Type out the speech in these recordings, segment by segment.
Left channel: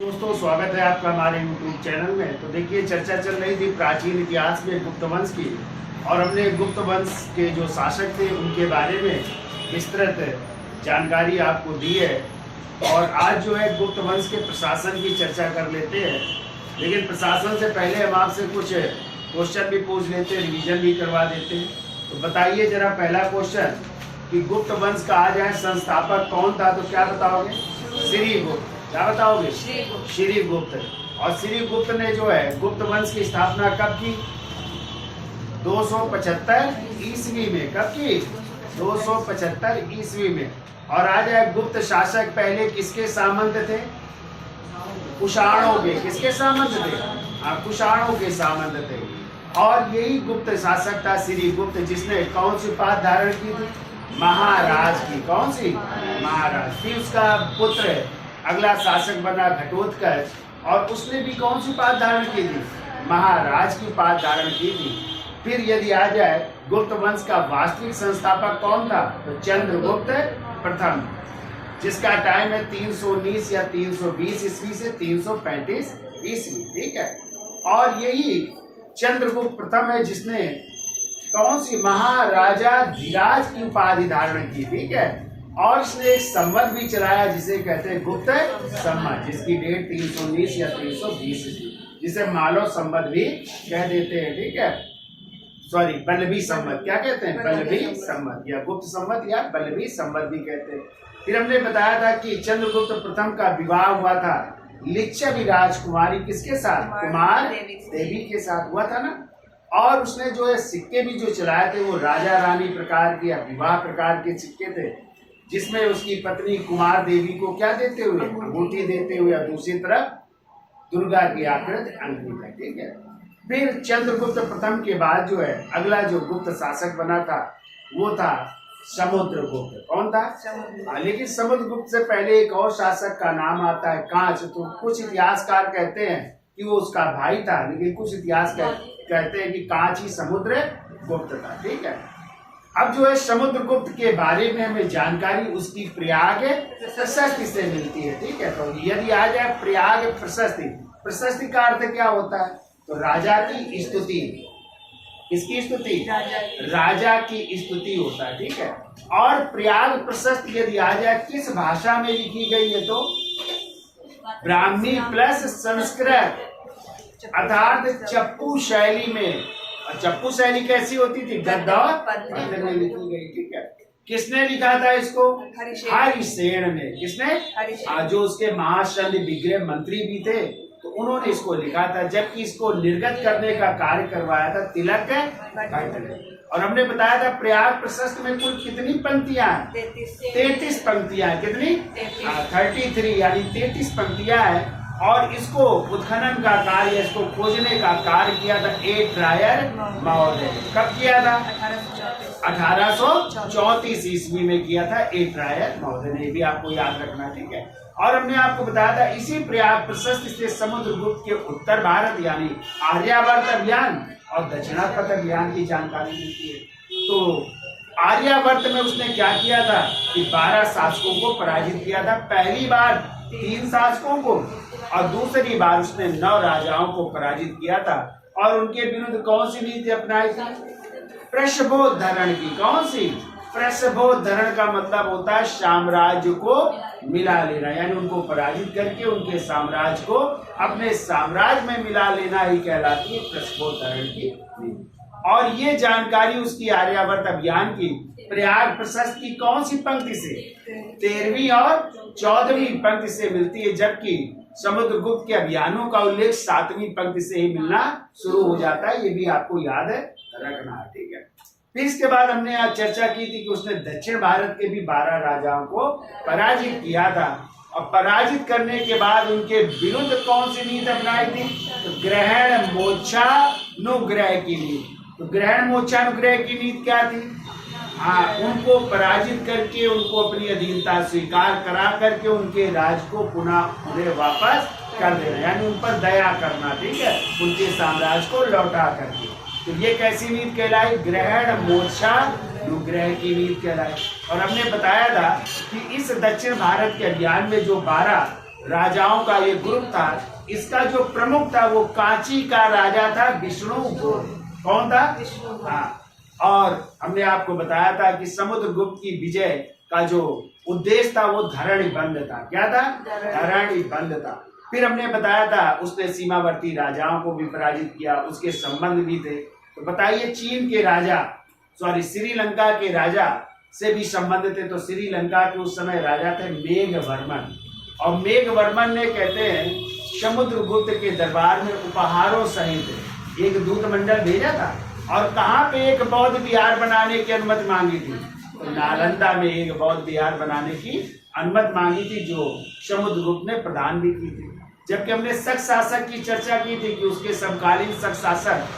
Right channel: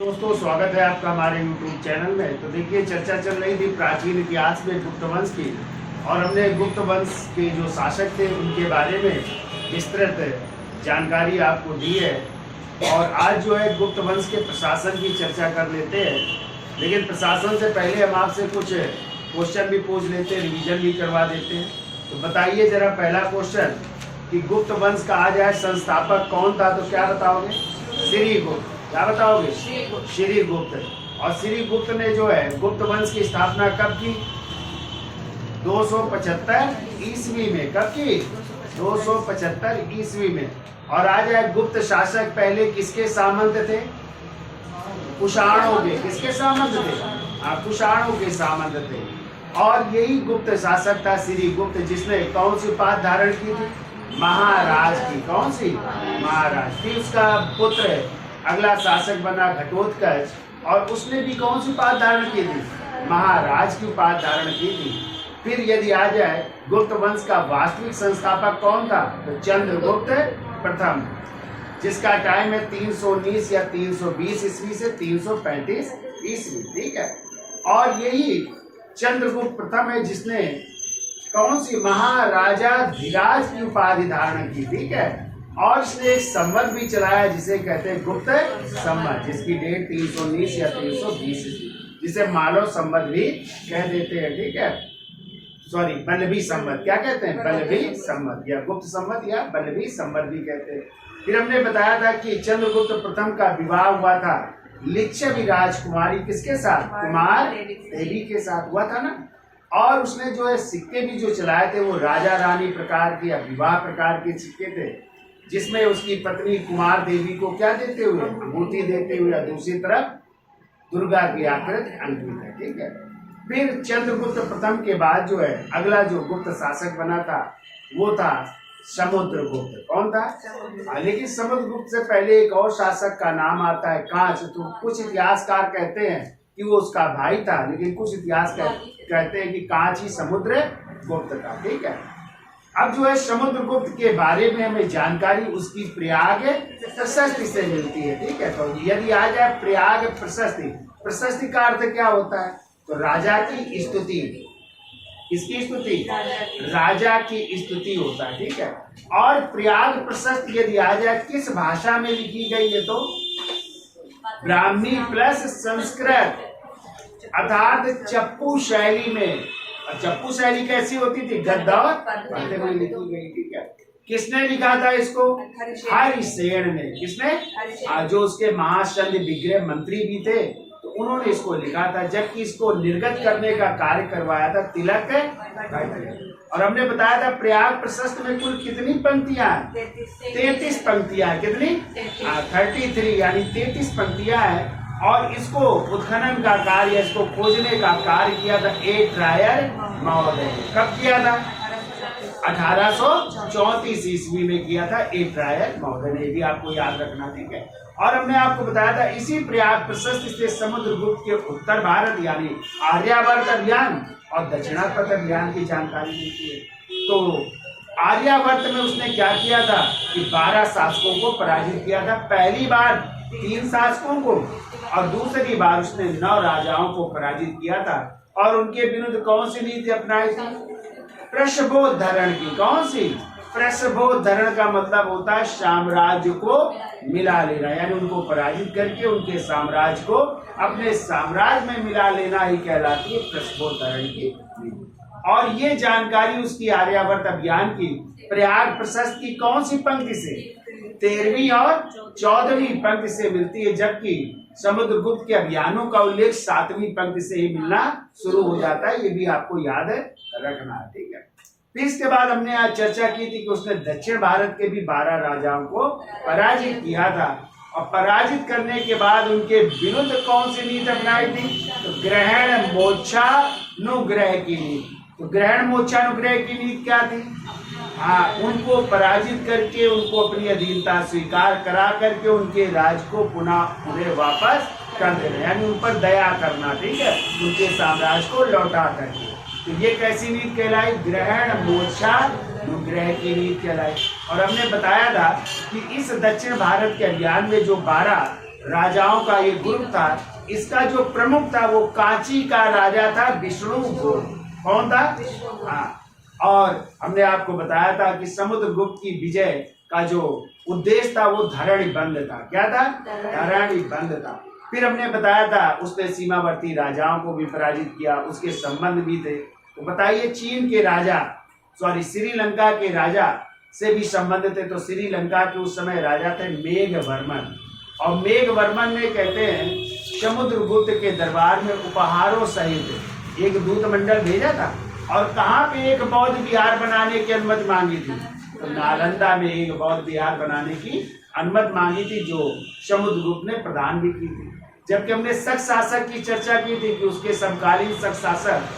दोस्तों, स्वागत है आपका हमारे YouTube चैनल में। तो देखिए, चर्चा चल रही थी प्राचीन इतिहास में गुप्त वंश की, और हमने गुप्त वंश के जो शासक थे उनके बारे में विस्तृत जानकारी आपको दी है। और आज जो है गुप्त वंश के प्रशासन की चर्चा कर लेते हैं। लेकिन प्रशासन से पहले हम आपसे कुछ क्वेश्चन भी पूछ लेते हैं, रिवीजन भी करवा देते हैं। तो बताइए जरा, पहला क्वेश्चन कि गुप्त वंश का आज है संस्थापक कौन था? तो क्या बताओगे? श्रीगुप्त। क्या बताओगे? श्रीगुप्त। और श्रीगुप्त ने जो है गुप्त वंश की स्थापना कब की? 275 ईस्वी में। कब की? 275 ईस्वी में। और आज है गुप्त शासक पहले किसके सामंत थे? कुषाणों के। किसके सामंत थे? कुषाणों के सामंत थे। और यही गुप्त शासक था श्रीगुप्त, जिसने कौन सी उपाधि धारण की थी? महाराज की। कौन सी? महाराज। फिर उसका पुत्र अगला शासक बना घटोत्कच, और उसने भी कौन सी उपाधि धारण की थी? महाराज की उपाधि धारण की थी। फिर यदि आ जाए गुप्त वंश का वास्तविक संस्थापक कौन था? तो चंद्रगुप्त प्रथम, जिसका टाइम है 319 या 320 ईस्वी से 335 ईस्वी। ठीक है। और यही चंद्रगुप्त प्रथम है जिसने कौन सी? महाराजा धीराज की उपाधि धारण की। ठीक है। और इसने एक संवत भी चलाया जिसे कहते हैं गुप्त संवत, जिसकी डेट 319 या 320 ईस्वी, जिसे मालव संवत भी कह देते हैं। ठीक है। सॉरी, बल्लभी संवत। क्या कहते हैं? बल्लभी संवत, या गुप्त संवत, या बल्लभी संवत भी कहते हैं। फिर हमने बताया था कि चंद्रगुप्त प्रथम का विवाह हुआ था लिच्छवी राजकुमारी किसके साथ? कुमार देवी के साथ हुआ था ना। और उसने जो है सिक्के भी जो चलाए थे वो राजा रानी प्रकार के या विवाह प्रकार के सिक्के थे, जिसमें उसकी पत्नी कुमार देवी को क्या देते हुए? अंगूठी देते हुए, और दूसरी तरफ दुर्गा की आकृति अंकित है। ठीक है। फिर चंद्रगुप्त प्रथम के बाद जो है अगला जो गुप्त शासक बना था वो था समुद्रगुप्त। कौन था? लेकिन समुद्रगुप्त से पहले एक और शासक का नाम आता है कांच। तो कुछ इतिहासकार कहते हैं कि वो उसका भाई था, लेकिन कुछ इतिहास कहते हैं कि कांच ही समुद्रगुप्त था। ठीक है। अब जो है समुद्रगुप्त के बारे में हमें जानकारी उसकी प्रयाग प्रशस्ति से मिलती है। ठीक है। तो यदि आ जाए प्रयाग प्रशस्ति, प्रशस्ति का अर्थ क्या होता है? तो राजा की स्तुति। किसकी स्तुति? राजा की स्तुति होता है। ठीक है। और प्रयाग प्रशस्ति यदि आ जाए किस भाषा में लिखी गई है? तो ब्राह्मी प्लस संस्कृत, अर्थात चप्पू शैली में। और चप्पू शैली कैसी होती थी? गद्य और पद्य में लिखी गई। ठीक है। किसने लिखा था इसको? हरिसेन ने। किसने? जो उसके महाशल्य विग्रह मंत्री भी थे, तो उन्होंने इसको लिखा था। जबकि इसको निर्गत करने का कार्य करवाया था तिलक भट्ट ने। और हमने बताया था प्रयाग प्रशस्त में कुल कितनी पंक्तियां हैं? 33 पंक्तियां हैं। कितनी? 33, यानी 33 पंक्तियां हैं। और इसको उत्खनन का कार्य, इसको खोजने का कार्य किया था ए ट्रायर महोदय। कब किया था? 1834 ईस्वी में किया था ए ट्रायर महोदय ने। भी आपको याद रखना। ठीक है। और हमने आपको बताया था इसी प्रयाग प्रशस्ति से समुद्रगुप्त के उत्तर भारत यानी आर्यावर्त अभियान और दक्षिणावर्त अभियान की जानकारी मिलती है। तो आर्यावर्त में उसने क्या किया था कि 12 शासकों को पराजित किया था। पहली बार 3 शासकों को, और दूसरी बार उसने 9 राजाओं को पराजित किया था। और उनके विरुद्ध कौन सी नीति अपनाई थी? प्रशबोधरण की। कौन सी? प्रशबोधरण का मतलब होता है साम्राज्य को मिला लेना, यानी उनको पराजित करके उनके साम्राज्य को अपने साम्राज्य में मिला लेना ही कहलाती है प्रशबोधरण की नीति। और ये जानकारी उसकी आर्यावर्त अभियान की प्रयाग प्रशस्ति की कौन सी पंक्ति से? 13वीं और 14वीं पंक्ति से मिलती है। जबकि समुद्रगुप्त के अभियानों का उल्लेख 7वीं पंक्ति से ही मिलना शुरू हो जाता है। ये भी आपको याद रखना है। ठीक है। फिर इसके बाद हमने आज चर्चा की थी कि उसने दक्षिण भारत के भी 12 राजाओं को पराजित किया था। और पराजित करने के बाद उनके विरुद्ध कौन सी नीति अपनाई थी? तो ग्रहण मोक्षानुग्रह की नीति। तो ग्रहण मोक्षानुग्रह की नीति क्या थी? उनको पराजित करके उनको अपनी अधीनता स्वीकार करा करके उनके राज को पुनः वापस कर देना, यानी उन पर दया करना। ठीक है। उनके साम्राज्य को लौटा करके। तो ये कैसी नीति कहलाई? ग्रहण मोक्षानुग्रह की नीति कहलाई। और हमने बताया था कि इस दक्षिण भारत के अभियान में जो 12 राजाओं का ये ग्रुप था। इसका जो प्रमुख था वो कांची का राजा था विष्णुगुप्त। कौन था? हाँ। और हमने आपको बताया था कि समुद्रगुप्त की विजय का जो उद्देश्य था वो धरणी बंद था। क्या था? धरणी बंद था। फिर हमने बताया था उसने सीमावर्ती राजाओं को भी पराजित किया, उसके संबंध भी थे। तो बताइए, चीन के राजा श्रीलंका के राजा से भी संबंध थे। तो श्रीलंका के उस समय राजा थे मेघवर्मन, और मेघवर्मन ने कहते हैं समुद्रगुप्त के दरबार में उपहारों सहित एक दूत मंडल भेजा था। और कहाँ पे एक बौद्ध विहार बनाने की अनुमति मांगी थी? तो नालंदा में एक बौद्ध विहार बनाने की अनुमति मांगी थी, जो समुद्रगुप्त ने प्रदान भी की थी। जबकि हमने शक शासक की चर्चा की थी कि उसके समकालीन शक शासक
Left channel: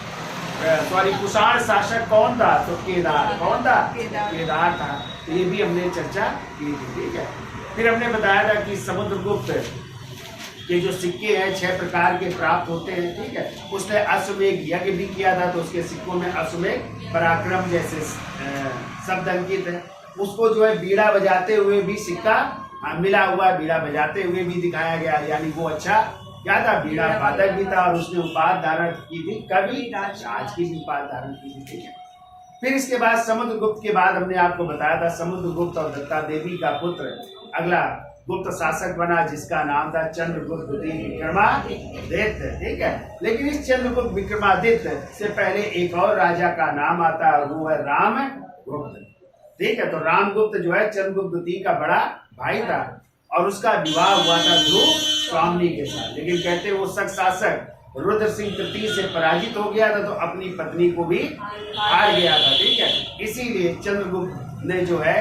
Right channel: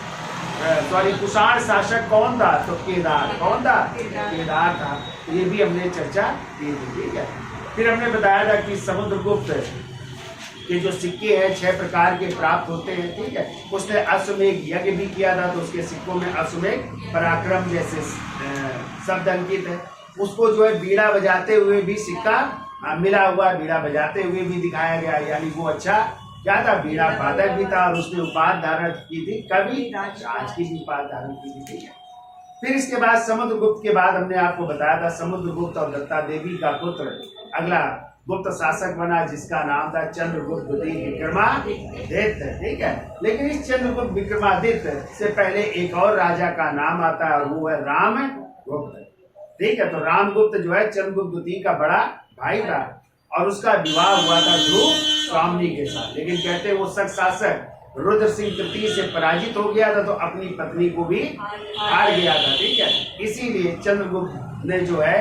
कुषाण शासक कौन था? तो केदार। कौन था? केदार था। तो ये भी हमने चर्चा की थी। ठीक है। फिर हमने बताया था कि समुद्रगुप्त के जो सिक्के हैं 6 प्रकार के प्राप्त होते हैं। ठीक है। उसने अश्वमेघ यज्ञ भी किया था, तो उसके सिक्कों में अश्वमेघ पराक्रम जैसे शब्द अंकित है। उसको जो है बीड़ा बजाते हुए भी सिक्का मिला हुआ, बीड़ा बजाते हुए भी दिखाया गया, यानी वो अच्छा क्या था? बीड़ा वादक भी था। और उसने उपाधि धारण की थी, कवि राज की भी उपाधि धारण की थी। ठीक है। फिर इसके बाद समुद्रगुप्त के बाद हमने आपको बताया था समुद्रगुप्त और दत्ता देवी का पुत्र अगला गुप्त शासक बना, जिसका नाम था चंद्रगुप्त द्वितीय विक्रमादित्य। ठीक है। लेकिन इस चंद्रगुप्त विक्रमादित्य से पहले एक और राजा का नाम आता है, और वो है रामगुप्त। ठीक है। तो रामगुप्त जो है चंद्रगुप्त द्वितीय का बड़ा भाई था, और उसका विवाह हुआ था ध्रुव स्वामिनी के साथ। लेकिन कहते हैं वो शक शासक रुद्र सिंह तृतीय से पराजित हो गया था, तो अपनी पत्नी को भी हार गया था। ठीक है। इसीलिए चंद्रगुप्त ने जो है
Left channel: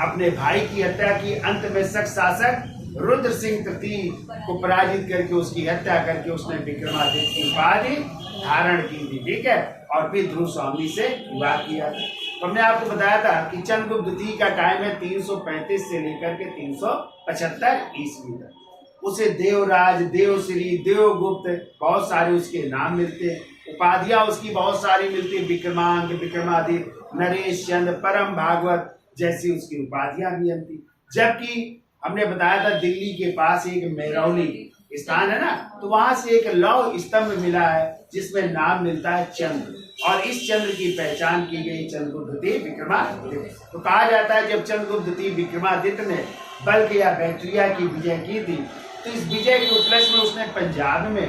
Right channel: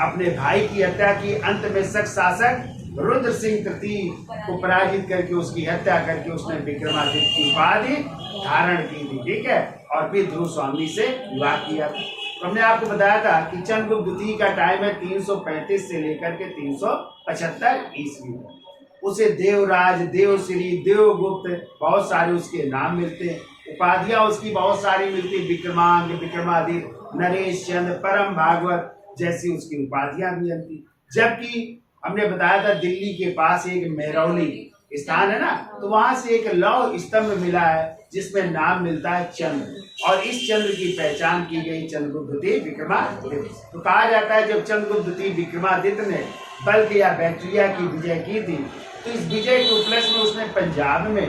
अपने भाई की हत्या की। अंत में शक शासक रुद्र सिंह तृतीय को पराजित करके उसकी हत्या करके उसने विक्रमादित्य की उपाधि धारण की थी। ठीक है। और फिर ध्रुव स्वामी से विवाह किया था। तो हमने आपको बताया था कि चंद्रगुप्त द्वितीय का टाइम है 335 से लेकर के 375 ईस्वी तक। उसे देवराज, देवश्री, देवगुप्त बहुत सारे उसके नाम मिलते हैं। उपाधियां उसकी बहुत सारी मिलती है, विक्रमांक, विक्रमादित्य, नरेश चंद्र, परम भागवत जैसी उसकी उपाधियां भी मिलती। जबकि हमने बताया था दिल्ली के पास एक मेरौली स्थान है ना, तो वहां से एक लौह स्तंभ मिला है जिसमें नाम मिलता है चंद्र, और इस चंद्र की पहचान की गई चंद्रगुप्त द्वितीय विक्रमादित्य। तो कहा जाता है जब चंद्रगुप्त द्वितीय विक्रमादित्य ने बल्ख या बैक्टीरिया की विजय की थी, तो इस विजय के उपलक्ष्य में उसने पंजाब में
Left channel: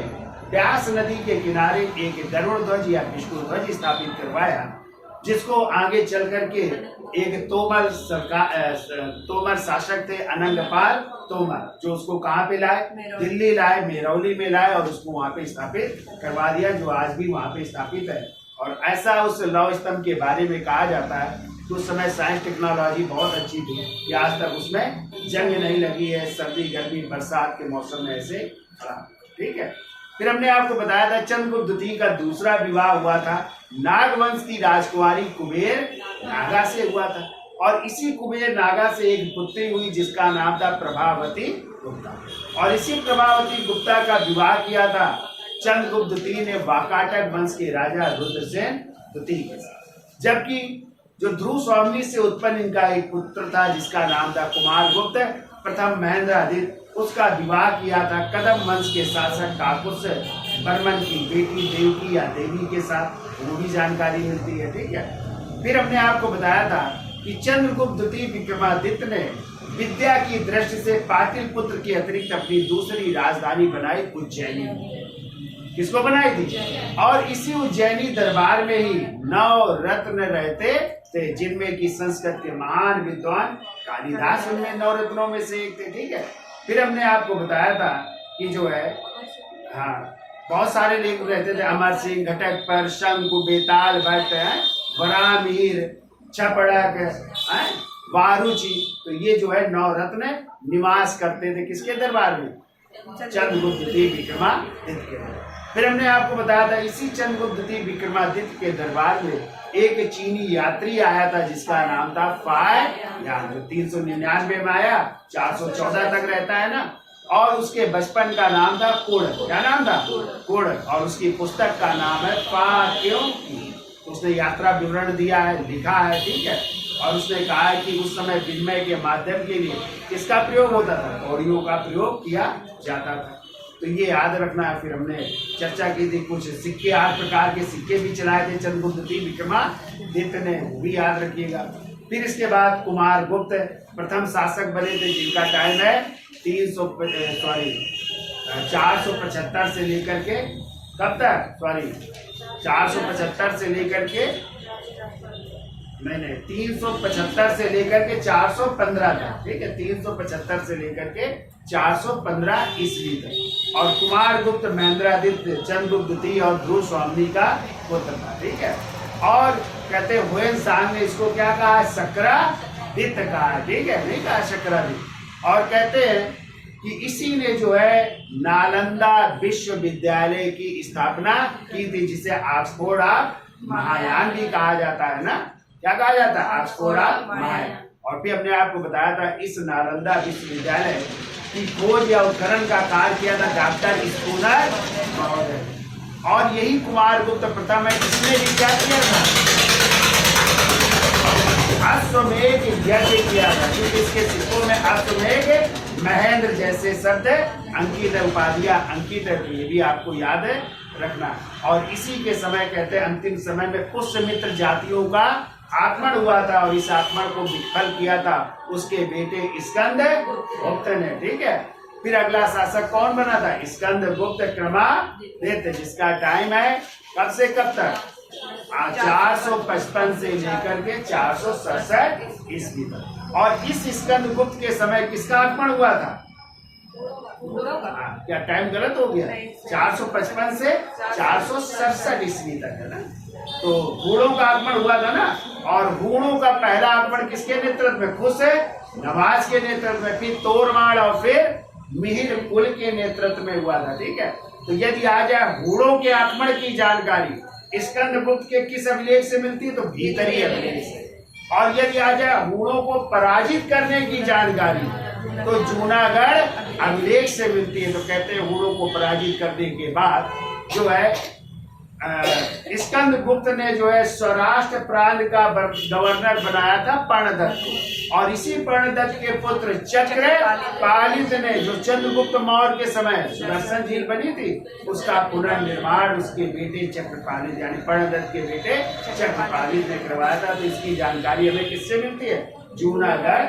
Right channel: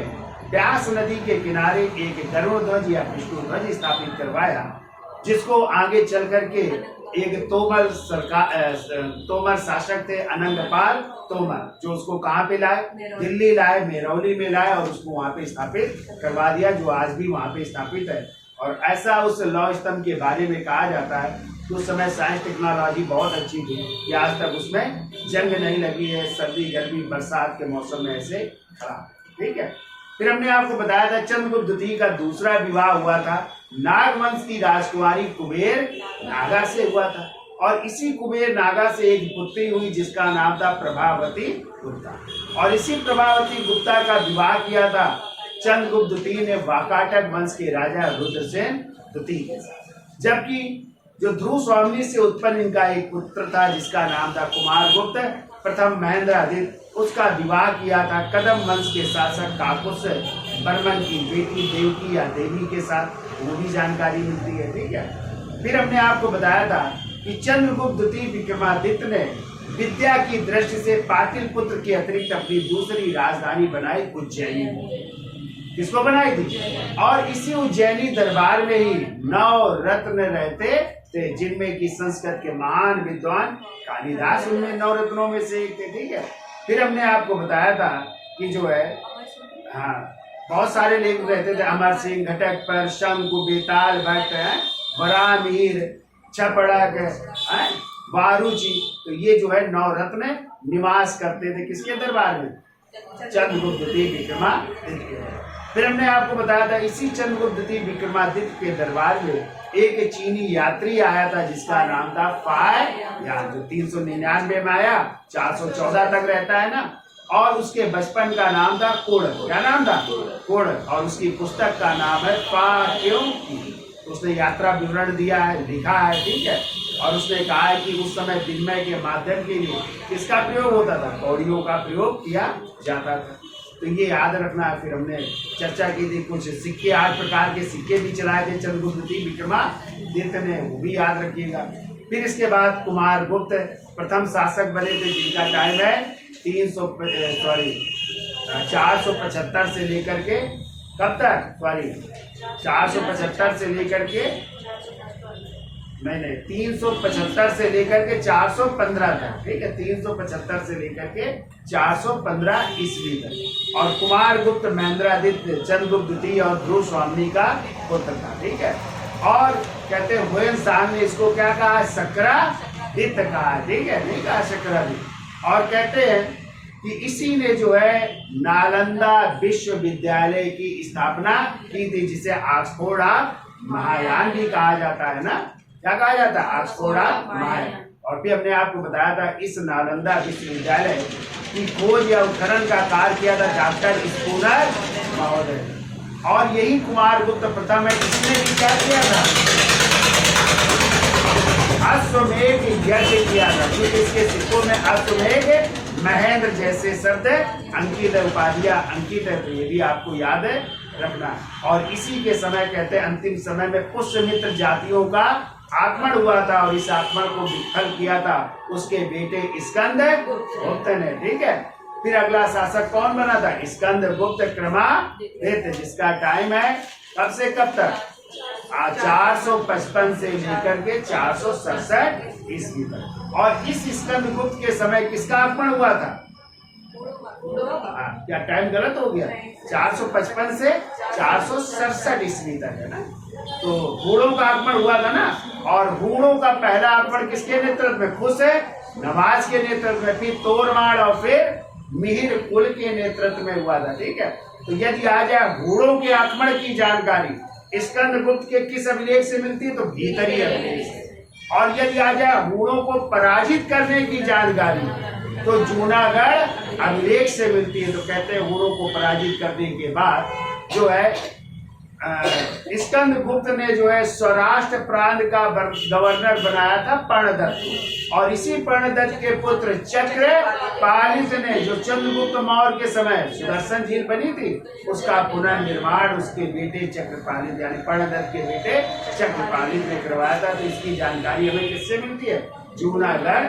ब्यास नदी के किनारे एक गरुड़ ध्वज या विष्णु ध्वज स्थापित करवाया, जिसको आगे चल करके एक तोमर शासक थे अनंगपाल तोमर, जो उसको कहाँ पे लाए? दिल्ली लाए, मेरौली में लाए, और उसको वहां पे स्थापित करवा दिया, जो आज भी वहां पे स्थापित है। और ऐसा उस लौह स्तंभ के बारे में कहा जाता है कि उस समय साइंस टेक्नोलॉजी बहुत अच्छी थी कि आज तक उसमें जंग नहीं लगी है, सर्दी गर्मी बरसात के मौसम में ऐसे खड़ा। ठीक है। फिर हमने आपको बताया था चंद्रगुप्त द्वितीय का दूसरा विवाह हुआ था नागवंश की राजकुमारी कुबेर नागा से हुआ था, और इसी कुबेर नागा से एक पुत्री हुई जिसका नाम था प्रभावती गुप्ता, और इसी प्रभावती गुप्ता का विवाह किया था चंद्रगुप्त द्वितीय ने वाकाटक वंश के राजा रुद्रसेन द्वितीय के साथ। जबकि जो ध्रुव स्वामिनी से उत्पन्न इनका एक पुत्र था जिसका नाम था कुमारगुप्त प्रथम महेंद्रादित्य, उसका विवाह किया था कदम वंश के शासक काकुत्स बर्मन की बेटी देवकी या देवी के साथ, वो भी जानकारी मिलती है। ठीक है। फिर हमने आपको बताया था कि चंद्रगुप्त द्वितीय विक्रमादित्य ने विद्या की दृष्टि से पाटलिपुत्र के अतिरिक्त अपनी दूसरी राजधानी बनाई उज्जैनी। किसको बनाई थी? और इसी उज्जैनी दरबार में ही 9 रत्न रहते थे, जिनमें कि संस्कृत के महान विद्वान कालिदास उनमें 9 रत्नों में से एक थे। ठीक है। फिर हमने आपको बताया था कि जो है बहुत सारे लेख रहते थे, अमर सिंह, घटकपर, शंकु, बेताल भट्ट, वरामीर, छपड़क, वारुचि, तो ये जो है 9 रत्न निवास करते थे किसके दरबार में? चंद्रगुप्त द्वितीय विक्रमादित्य के दरबार। फिर हमने आपको बताया था इसी चंद्रगुप्त द्वितीय विक्रमादित्य के दरबार में एक चीनी यात्री आया था जिसका नाम था फाय यान, जो 399 में आया, 414 तक रहता है ना, और उसके बचपन का नाम था कोड़क। क्या नाम था? कोड़क। और उसकी पुस्तक का नाम है फाक्यों की। उसने यात्रा विवरण दिया है, लिखा है। ठीक है। और उसने कहा है कि उस समय विनिमय के माध्यम के लिए किसका प्रयोग होता था? कौड़ियों का प्रयोग किया जाता था। तो ये याद रखना है। फिर हमने चर्चा की थी कुछ सिक्के, 8 प्रकार के सिक्के भी चलाए थे चंद्रगुप्त विक्रमादित्य ने, वो भी याद रखिएगा। फिर इसके बाद कुमार गुप्त प्रथम शासक बने थे, जिनका टाइम है 475 से लेकर के कब तक? 475 से लेकर के 375 से लेकर के 415 तक, ठीक है, 375 से लेकर के 415 ईस्वी तक। और कुमार गुप्त महेंद्रादित्य चंद्रगुप्त द्वितीय और ध्रुव स्वामी का पुत्र था, ठीक है। और कहते हैं हुएन सांग ने इसको क्या कहा है? शक्रादित्य कहा है, ठीक है, नहीं कहा शक्रादित्य। और कहते हैं कि इसी ने जो है नालंदा विश्वविद्यालय की स्थापना की थी, जिसे ऑक्सफोर्ड ऑफ महायान भी कहा जाता है ना। क्या कहा जाता है? Oxford of Mahayana. और फिर हमने आपको बताया था इस नालंदा विश्वविद्यालय की खोज या उत्खनन का कार्य किया था डॉक्टर स्पूनर महोदय। और यही कुमार गुप्त प्रथम है, इसने भी क्या किया था? अश्वमेध यज्ञ किया था, क्योंकि इसके सिक्कों में अश्वमेध महेंद्र जैसे शब्द अंकित है, उपाधियां अंकित है। तो ये भी आपको याद रखना। और इसी के समय कहते हैं अंतिम समय में पुष्यमित्र जातियों का आक्रमण हुआ था, और इस आक्रमण को विफल किया था उसके बेटे स्कंद गुप्त ने, ठीक है। फिर अगला शासक कौन बना था? स्कंद गुप्त क्रमादित्य, जिसका टाइम है कब से कब तक? 455 से लेकर के 467 ईस्वी तक। और इस स्कंद गुप्त के समय किसका आक्रमण हुआ था? क्या टाइम गलत हो गया? 455 से 467 ईस्वी तक है ना। तो हूणों का आक्रमण हुआ था ना। और हूणों का पहला आक्रमण किसके नेतृत्व में? खुश नवाज के नेतृत्व में, फिर तोरमाड़ और फिर मिहिर कुल के नेतृत्व में हुआ था, ठीक है। तो यदि आ जाए हूणों के आक्रमण की जानकारी स्कंद गुप्त के किस अभिलेख से मिलती है? तो भीतरी अभिलेख से। और यदि आ जाए हूणों को पराजित करने की जानकारी तो जूनागढ़ अभिलेख से मिलती है। तो कहते हैं हूणों को पराजित करने के बाद जो है स्कंद गुप्त ने जो है सौराष्ट्र प्रांत का गवर्नर बनाया था पर्णदत्त को। और इसी पर्णदत्त के पुत्र चक्रपालित ने, जो चंद्रगुप्त मौर्य के समय सुदर्शन झील बनी थी, उसका पुनर्निर्माण उसके बेटे चक्रपालित यानी पर्णदत्त के बेटे चक्रपालित ने करवाया था। तो इसकी जानकारी हमें किससे मिलती है? जूनागढ़।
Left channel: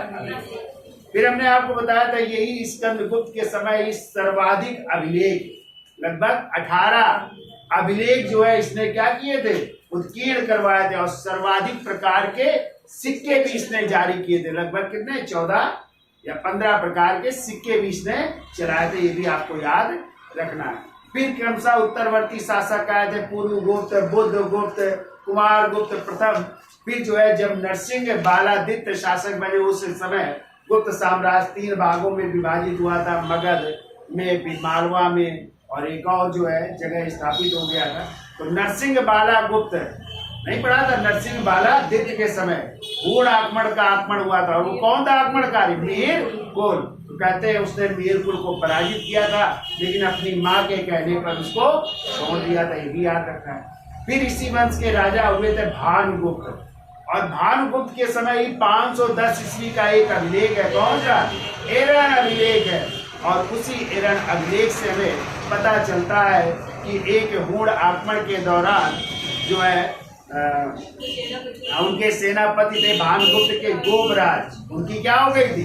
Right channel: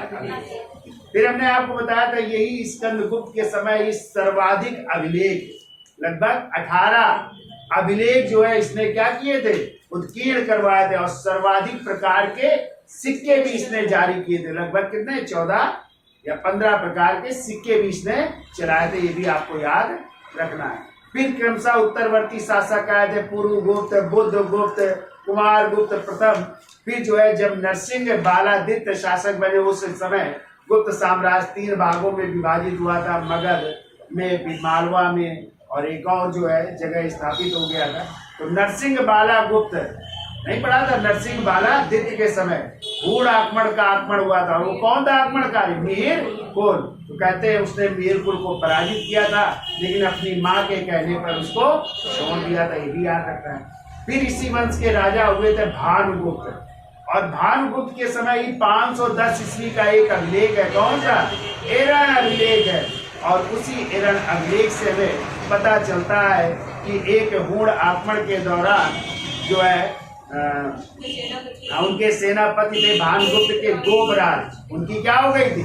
फिर हमने आपको बताया था यही स्कंद गुप्त के समय इस सर्वाधिक अभिलेख, लगभग 18 अभिलेख जो है इसने क्या किए थे? उत्कीर्ण करवाए थे। और सर्वाधिक प्रकार के सिक्के भी इसने जारी किए थे। लगभग कितने? 14 या 15 प्रकार के सिक्के भी इसने चलाए थे। ये भी आपको याद रखना है। फिर क्रमशः उत्तरवर्ती शासक आए थे, पूर्व गुप्त, बुद्ध गुप्त, कुमार गुप्त प्रथम। फिर जो है जब नरसिंह बालादित्य शासक बने उस समय गुप्त साम्राज्य 3 भागों में विभाजित हुआ था, मगध में, मालवा में, और एक और जो है जगह स्थापित हो गया था। तो नरसिंह बाला गुप्त नहीं पढ़ा था? नरसिंह बालादित्य के समय हूण आक्रमण का आक्रमण हुआ था। और वो कौन था आक्रमणकारी? मिहिर कुल। तो कहते हैं उसने मिहिर कुल को पराजित किया था, लेकिन अपनी माँ के कहने पर उसको छोड़ दिया था। ये भी याद रखना है। फिर इसी वंश के राजा हुए थे भानुगुप्त। और भानुगुप्त के समय ही 510 ईस्वी का एक अभिलेख है। कौन सा? एरण अभिलेख है। और उसी एरण अभिलेख से हमें पता चलता है कि एक हूण आक्रमण के दौरान जो है उनके सेनापति थे भानुगुप्त के गोपराज, उनकी क्या हो गई थी?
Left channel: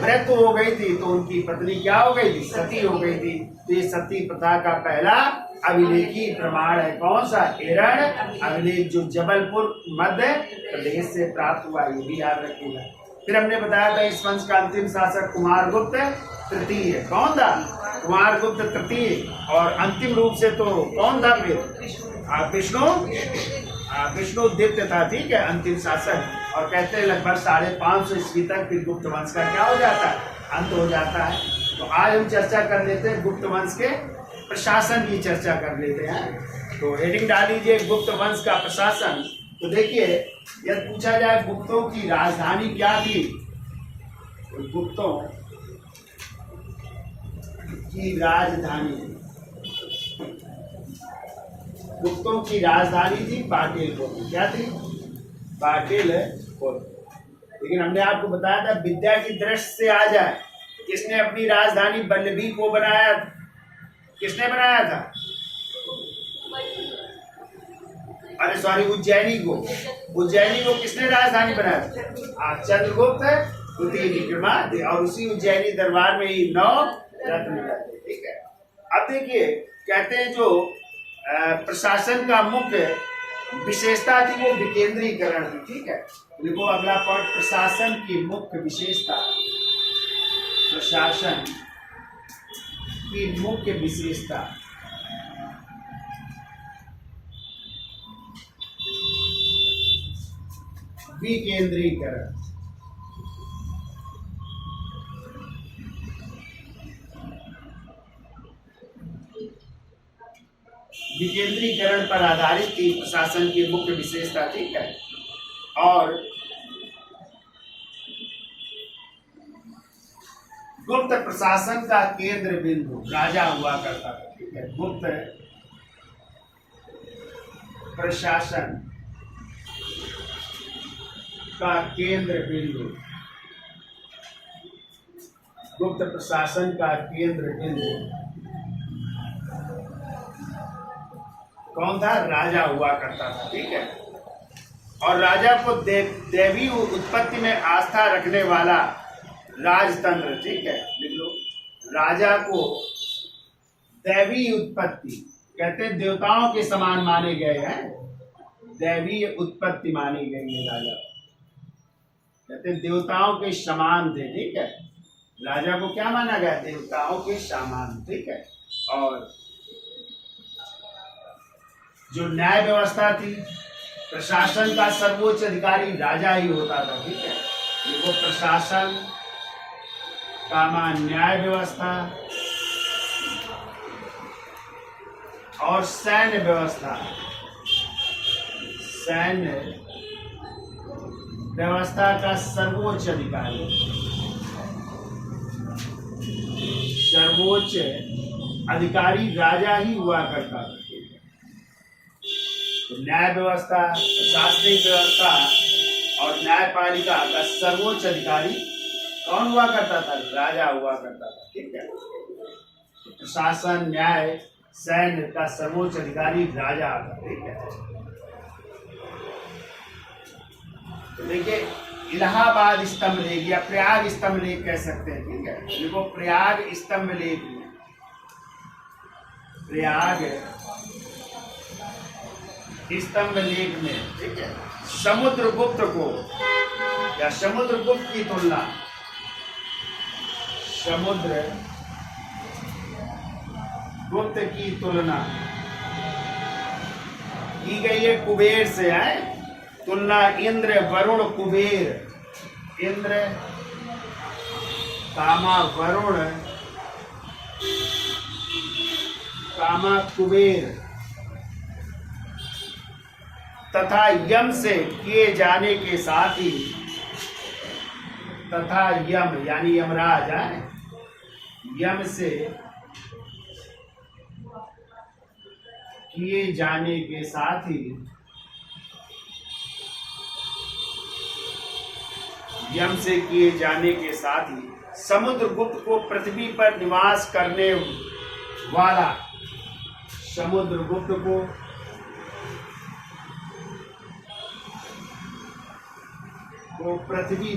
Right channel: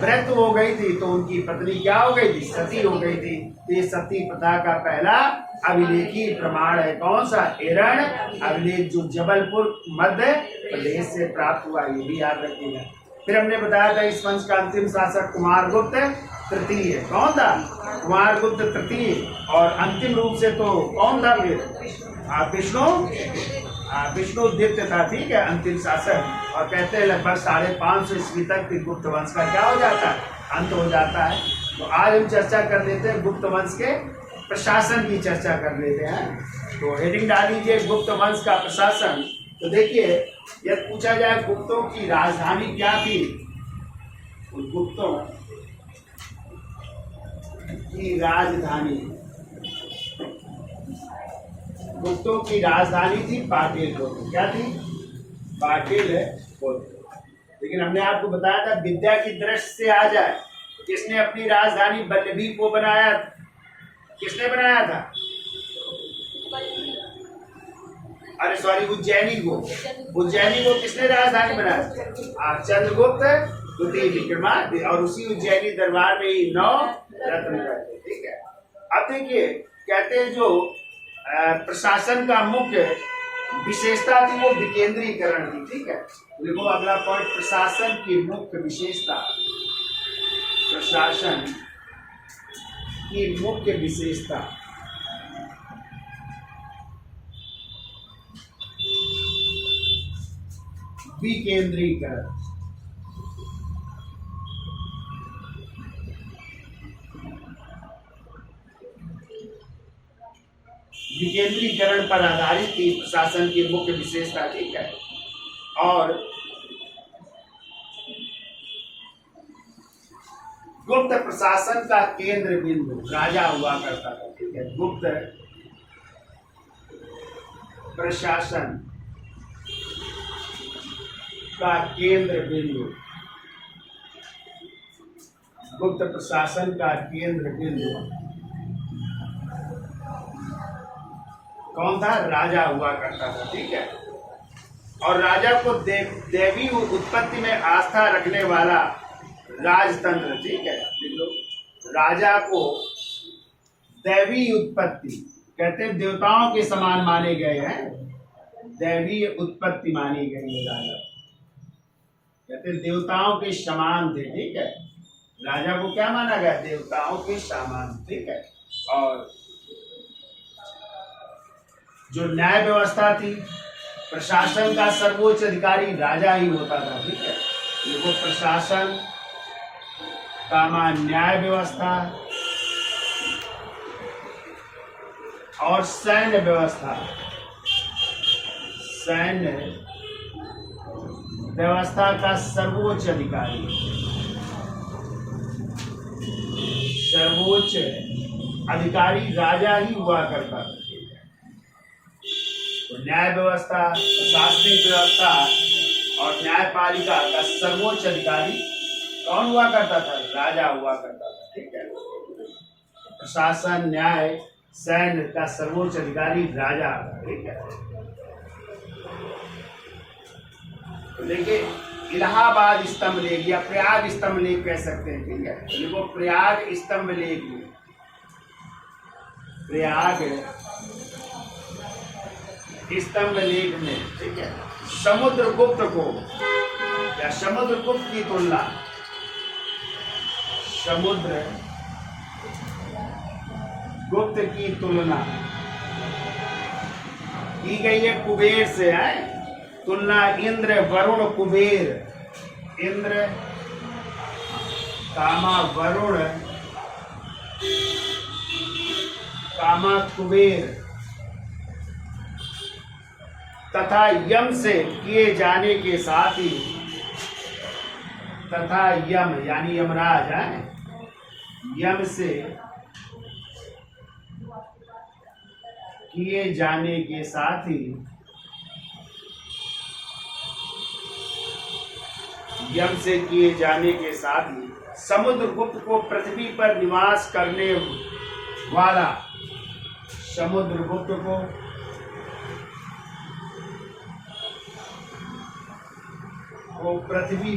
मृत्यु हो गई थी। तो उनकी पत्नी क्या हो गई थी? सती हो गई थी। तो ये सती प्रथा का पहला अभिलेखी प्रमाण है। कौन सा? एरण अभिलेख, जो जबलपुर मध्य प्रदेश से प्राप्त हुआ। ये भी याद रखिएगा। फिर हमने बताया था इस वंश का अंतिम शासक कुमार गुप्त तृतीय। कौन था? कुमार गुप्त तृतीय। और अंतिम रूप से तो कौन था फिर? विष्णुदित्य था, ठीक है, अंतिम शासक। और कहते हैं लगभग 550 ईस्वी तक फिर गुप्त वंश का क्या हो जाता है? अंत हो जाता है। तो आज हम चर्चा कर लेते हैं गुप्त वंश के प्रशासन की चर्चा कर लेते हैं। तो हेडिंग डाल लीजिए गुप्त वंश का प्रशासन। तो देखिए यदि पूछा जाए गुप्तों की राजधानी क्या थी, तो गुप्तों की राजधानी गुप्तों की राजधानी थी पाटलिपुत्र। क्या थी? पाटलिपुत्र। लेकिन हमने आपको बताया था विद्या की दृष्टि से आ जाए, किसने अपनी राजधानी वल्लभी को बनाया था? किसने बनाया था? अरे सॉरी, उज्जैनी को। उज्जैनी को किसने राजधानी बनाया था? चंद्रगुप्त द्वितीय विक्रमादित्य, और उसी उज्जैनी दरबार में ही 9 रत्न रहते। ठीक है। अब देखिए, कहते हैं जो प्रशासन का मुख्य विशेषता थी वो विकेंद्रीकरण थी। ठीक है। देखो अगला पॉइंट, प्रशासन की मुख्य विशेषता। प्रशासन की मुख्य विशेषता विकेंद्रीकरण। विकेंद्रीकरण पर आधारित थी प्रशासन की मुख्य विशेषता। ठीक है। और गुप्त प्रशासन का केंद्र बिंदु राजा हुआ करता था। ठीक है। गुप्त प्रशासन का केंद्र बिंदु, गुप्त प्रशासन का केंद्र बिंदु कौन था? राजा हुआ करता था। ठीक है। और राजा को देवी उत्पत्ति में आस्था रखने वाला राजतंत्र। ठीक है, लिख लो। राजा को दैवी उत्पत्ति, कहते हैं देवताओं के समान माने गए हैं, दैवी उत्पत्ति मानी गई है राजा, कहते हैं देवताओं के समान थे। ठीक है। राजा को क्या माना गया? देवताओं के समान। ठीक है। और जो न्याय व्यवस्था थी, प्रशासन का सर्वोच्च अधिकारी राजा ही होता था। ठीक है। देखो, प्रशासन का मान न्याय व्यवस्था और सैन्य व्यवस्था, सैन्य व्यवस्था का सर्वोच्च अधिकारी, सर्वोच्च अधिकारी राजा ही हुआ करता था। तो न्याय व्यवस्था, प्रशासनिक व्यवस्था और न्यायपालिका का सर्वोच्च अधिकारी कौन हुआ करता था? राजा हुआ करता था। ठीक है। प्रशासन, न्याय, सैन्य का सर्वोच्च अधिकारी राजा था। ठीक है। तो देखिए, इलाहाबाद स्तंभ लेख या प्रयाग स्तंभ लेख कह सकते हैं। ठीक है। देखो, प्रयाग स्तंभ लेख में, प्रयाग स्तंभ लेख में, ठीक है, समुद्रगुप्त को या समुद्रगुप्त की तुलना, समुद्र गुप्त की तुलना की गई है कुबेर से। है तुलना इंद्र, वरुण, कुबेर, इंद्र कामा वरुण कामा कुबेर तथा यम से किए जाने के साथ ही, तथा यम यानी यमराज है, यम से किए जाने के साथ ही, यम से किए जाने के साथ ही समुद्रगुप्त को पृथ्वी पर निवास करने वाला, समुद्रगुप्त को पृथ्वी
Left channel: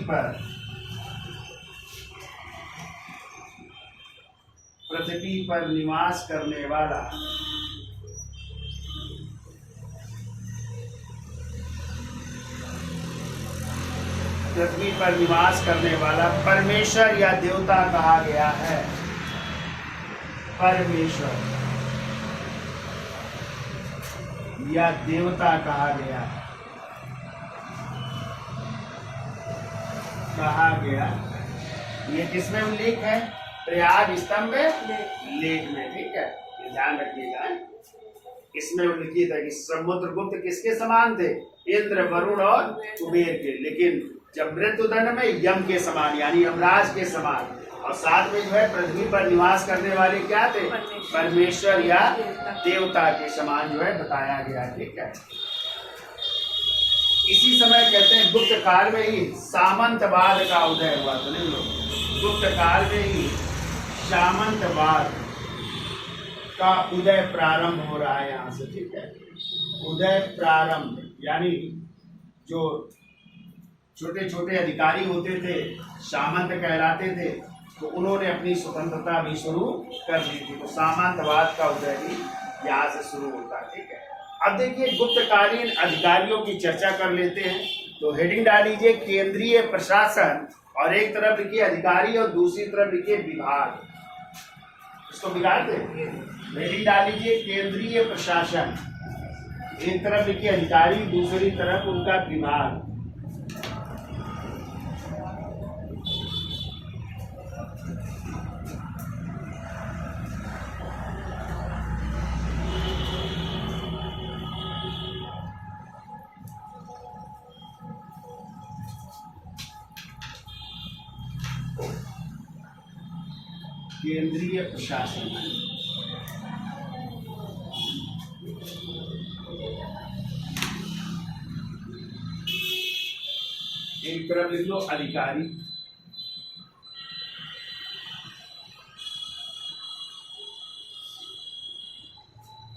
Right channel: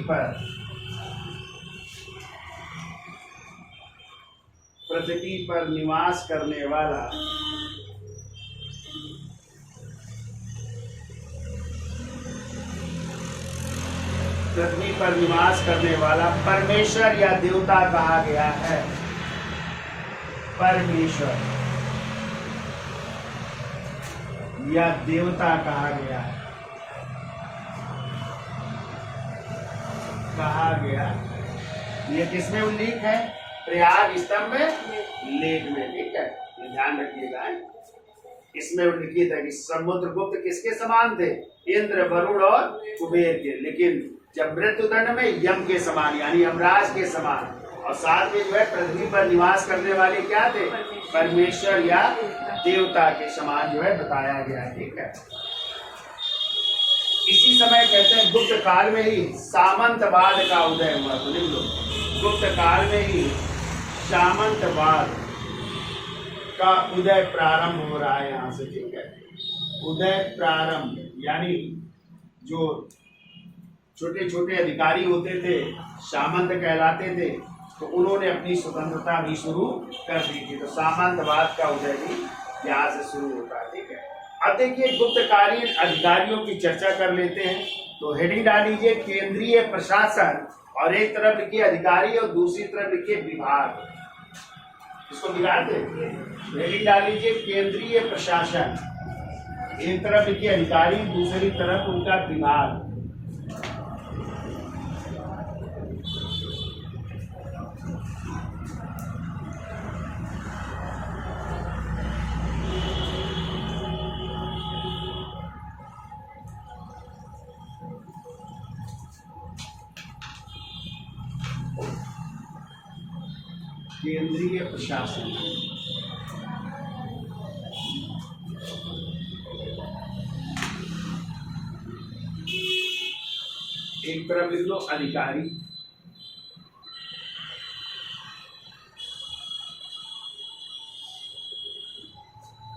पर निवास करने वाला, पृथ्वी पर निवास करने वाला परमेश्वर या देवता कहा गया है। परमेश्वर या देवता कहा गया, कहा गया। ये किसमें उल्लेख है? प्रयाग स्तंभ लेख में। ठीक है, ये ध्यान रखिएगा। इसमें उल्लिखित है कि समुद्रगुप्त किसके समान थे? इंद्र, वरुण और कुबेर के, लेकिन जब मृत्युदंड में यम के समान यानी यमराज के समान, और साथ में जो है पृथ्वी पर निवास करने वाले क्या थे? परमेश्वर या देवता के समान जो है बताया गया। ठीक है। इसी समय कहते हैं गुप्त काल में ही सामंतवाद का उदय हुआ। तो लिख लो, गुप्त काल में ही सामंतवाद का उदय प्रारंभ हो रहा है यहाँ से, ठीक है। उदय प्रारंभ यानी जो छोटे छोटे अधिकारी होते थे, सामंत कहलाते थे, तो उन्होंने अपनी स्वतंत्रता भी शुरू कर दी थी। तो सामंतवाद का उदय भी यहाँ से शुरू होता है, ठीक है। अब देखिए गुप्तकालीन अधिकारियों की चर्चा कर लेते हैं। तो हेडिंग डाल लीजिए केंद्रीय प्रशासन, और एक तरफ लिखिए अधिकारी और दूसरी तरफ लिखिए विभाग। इसको बिगाड़ दे, हेडिंग डाल लीजिए केंद्रीय प्रशासन, एक तरफ लिखिए अधिकारी, दूसरी तरफ उनका विभाग। केंद्रीय प्रशासन, एक तरफ लिख लो अधिकारी,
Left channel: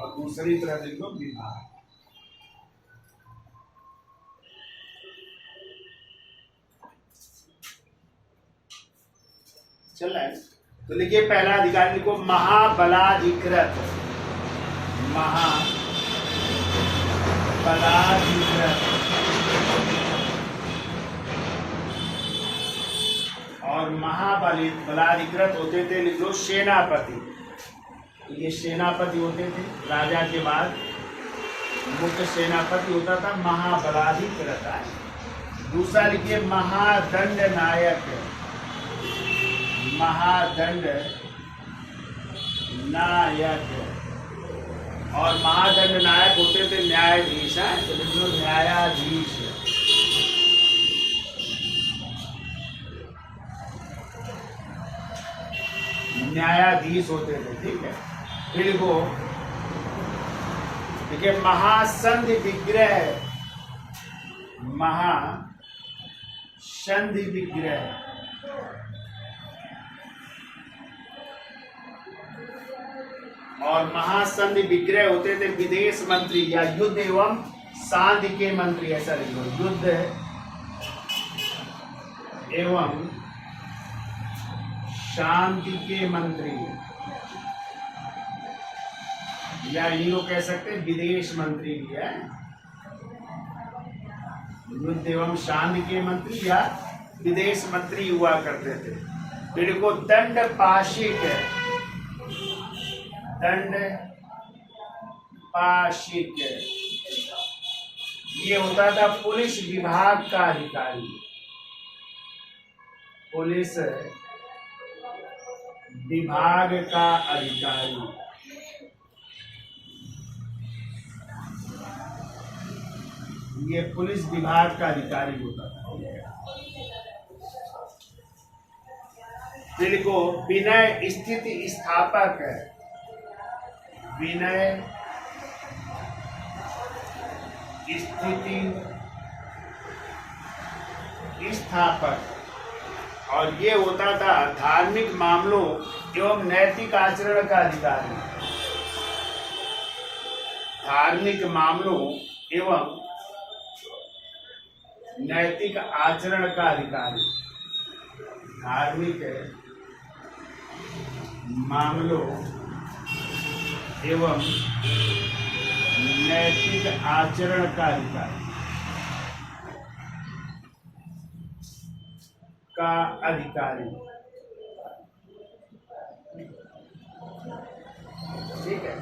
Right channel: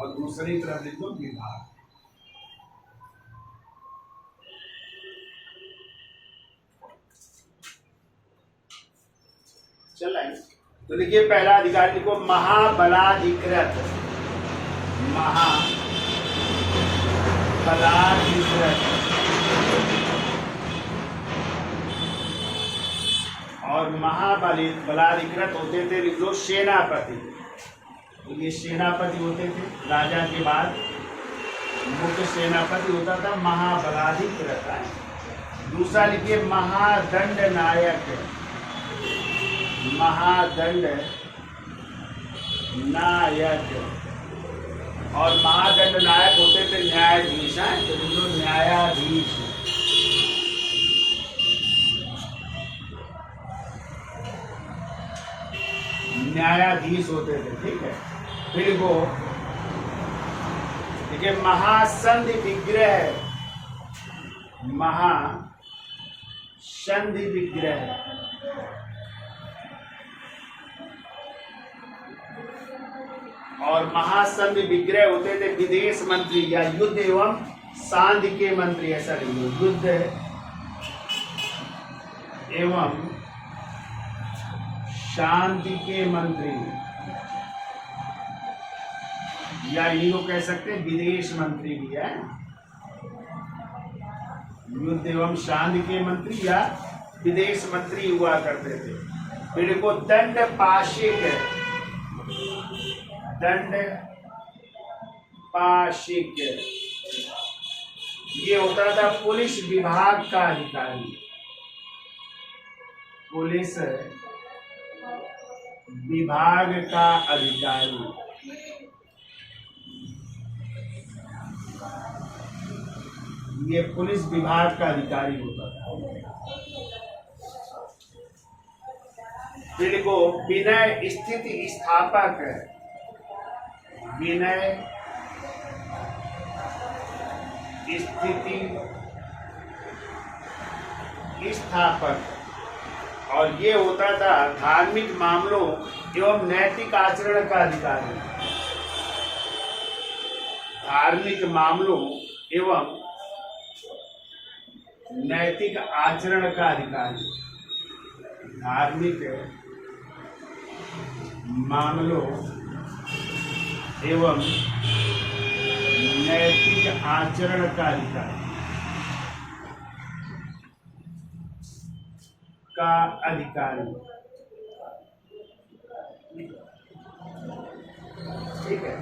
और दूसरी तरफ लिख लो विभाग। चल रहा है। तो देखिए पहला अधिकारी लिखो महाबलाधिकृत, महाबलाधिकृत, और महाबलाधिकृत होते थे, लिख लो सेनापति। तो ये सेनापति होते थे, राजा के बाद मुख्य सेनापति होता था महाबलाधिकृत। दूसरा लिखिए महादंड नायक, महादंड नायक, और महादंड नायक होते थे न्यायाधीश। तो लिख लो न्यायाधीश। न्यायाधीश होते थे, ठीक है। फिर लिखो देखिए महासंधि विग्रह, महासंधि विग्रह, और महासंधि विग्रह होते थे विदेश मंत्री या युद्ध एवं शांति के मंत्री। ऐसा लिख लो, युद्ध एवं शांति के मंत्री, या ये लोग कह सकते हैं विदेश मंत्री भी है। युद्ध एवं शांति के मंत्री या विदेश मंत्री हुआ करते थे। फिर को दंड पाशिक, दंड पाशिक, ये होता था पुलिस विभाग का अधिकारी। पुलिस विभाग का अधिकारी, ये पुलिस विभाग का अधिकारी होता था। फिर को विनय स्थिति स्थापक, विनय स्थिति स्थापक, और ये होता था धार्मिक मामलों एवं नैतिक आचरण का अधिकारी। धार्मिक मामलों एवं नैतिक आचरण का अधिकारी, धार्मिक मामलों एवं नैतिक आचरण का अधिकारी ठीक है।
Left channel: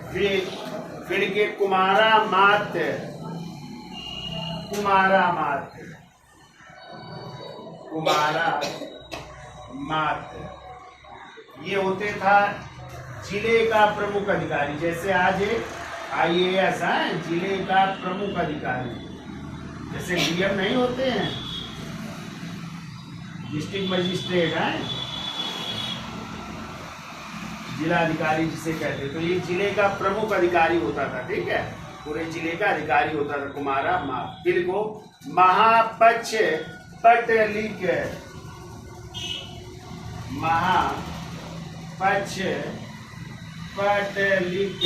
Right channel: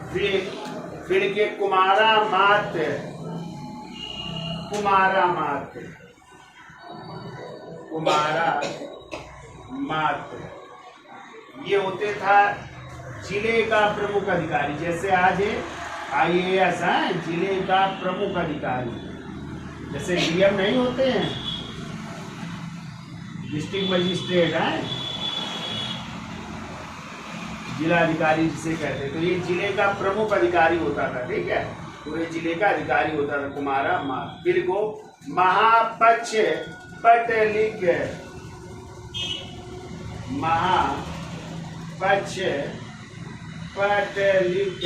फिर के कुमारा मात्र, कुमारा मात्र, कुमारा मात्र, ये होते था जिले का प्रमुख अधिकारी। जैसे आज IAS है जिले का प्रमुख अधिकारी, जैसे DM नहीं होते हैं, डिस्ट्रिक्ट मजिस्ट्रेट है, जिला अधिकारी जिसे कहते हैं। तो ये जिले का प्रमुख अधिकारी होता था, ठीक है। पूरे जिले का अधिकारी होता था कुमारा माँ। फिर को महापक्ष पटलिक, महापक्ष पटलिक,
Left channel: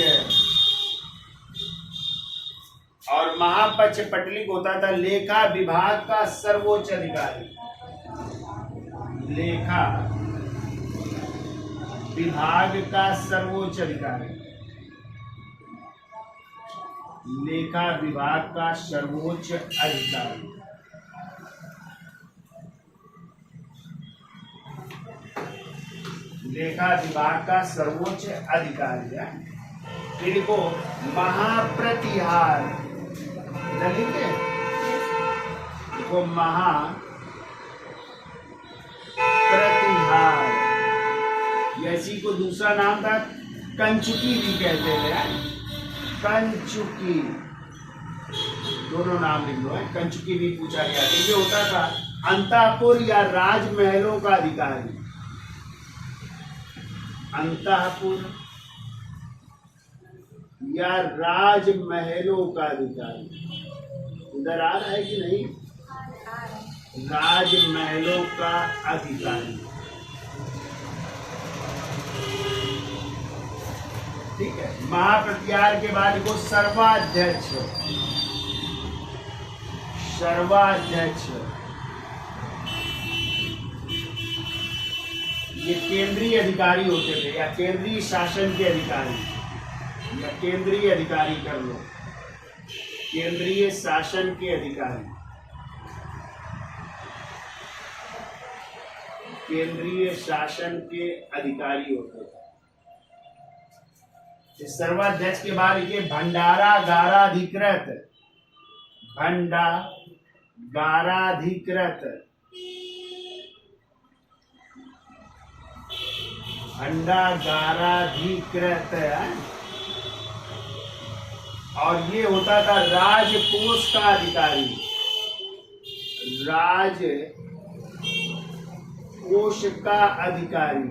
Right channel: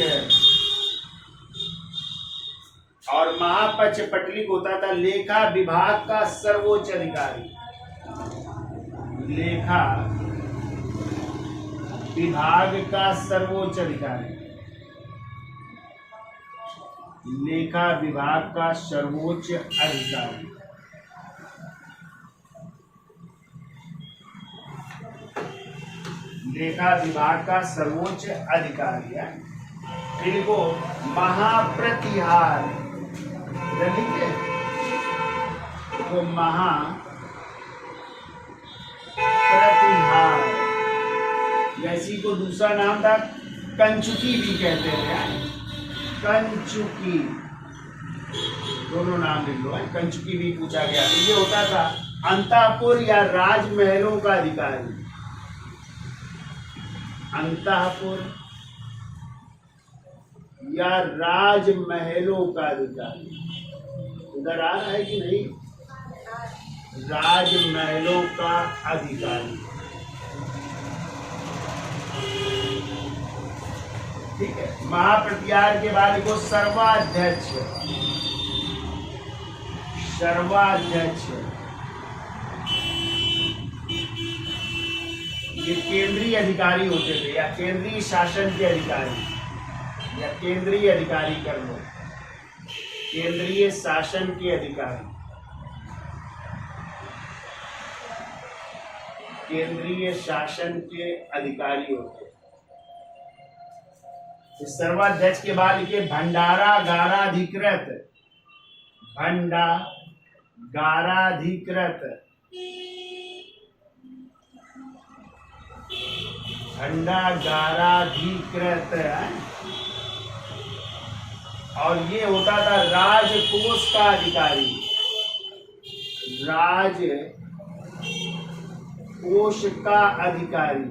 और महापक्ष पटलिक होता था लेखा विभाग का सर्वोच्च अधिकारी। लेखा विभाग का सर्वोच्च अधिकारी, लेखा विभाग का सर्वोच्च अधिकारी। लेखा विभाग का सर्वोच्च अधिकारी है। फिर को महाप्रतिहार, इधर लिखे तो महाप्रतिहार, ऐसी को दूसरा नाम था कंचुकी भी कहते हैं, कंचुकी, दोनों नाम लिख लो है। कंचुकी भी पूछा गया तो ये होता था अंतःपुर या राजमहलों का अधिकारी। अंतःपुर या राजमहलों का अधिकारी, उधर आ रहा है कि नहीं? राजमहलों का अधिकारी, ठीक है। महाप्रतिहार के बाद को सर्वाध्यक्ष, सर्वाध्यक्ष ये केंद्रीय अधिकारी होते थे, या केंद्रीय शासन के अधिकारी, या केंद्रीय अधिकारी कर लो, केंद्रीय शासन के अधिकारी, केंद्रीय शासन के अधिकारी होते थे। सर्वाध्यक्ष के बाद लिखे भंडारागाराधिकृत, भंडागाराधिकृत, भंडागाराधिकृत, और ये होता था राजकोष का अधिकारी, राजकोष का अधिकारी।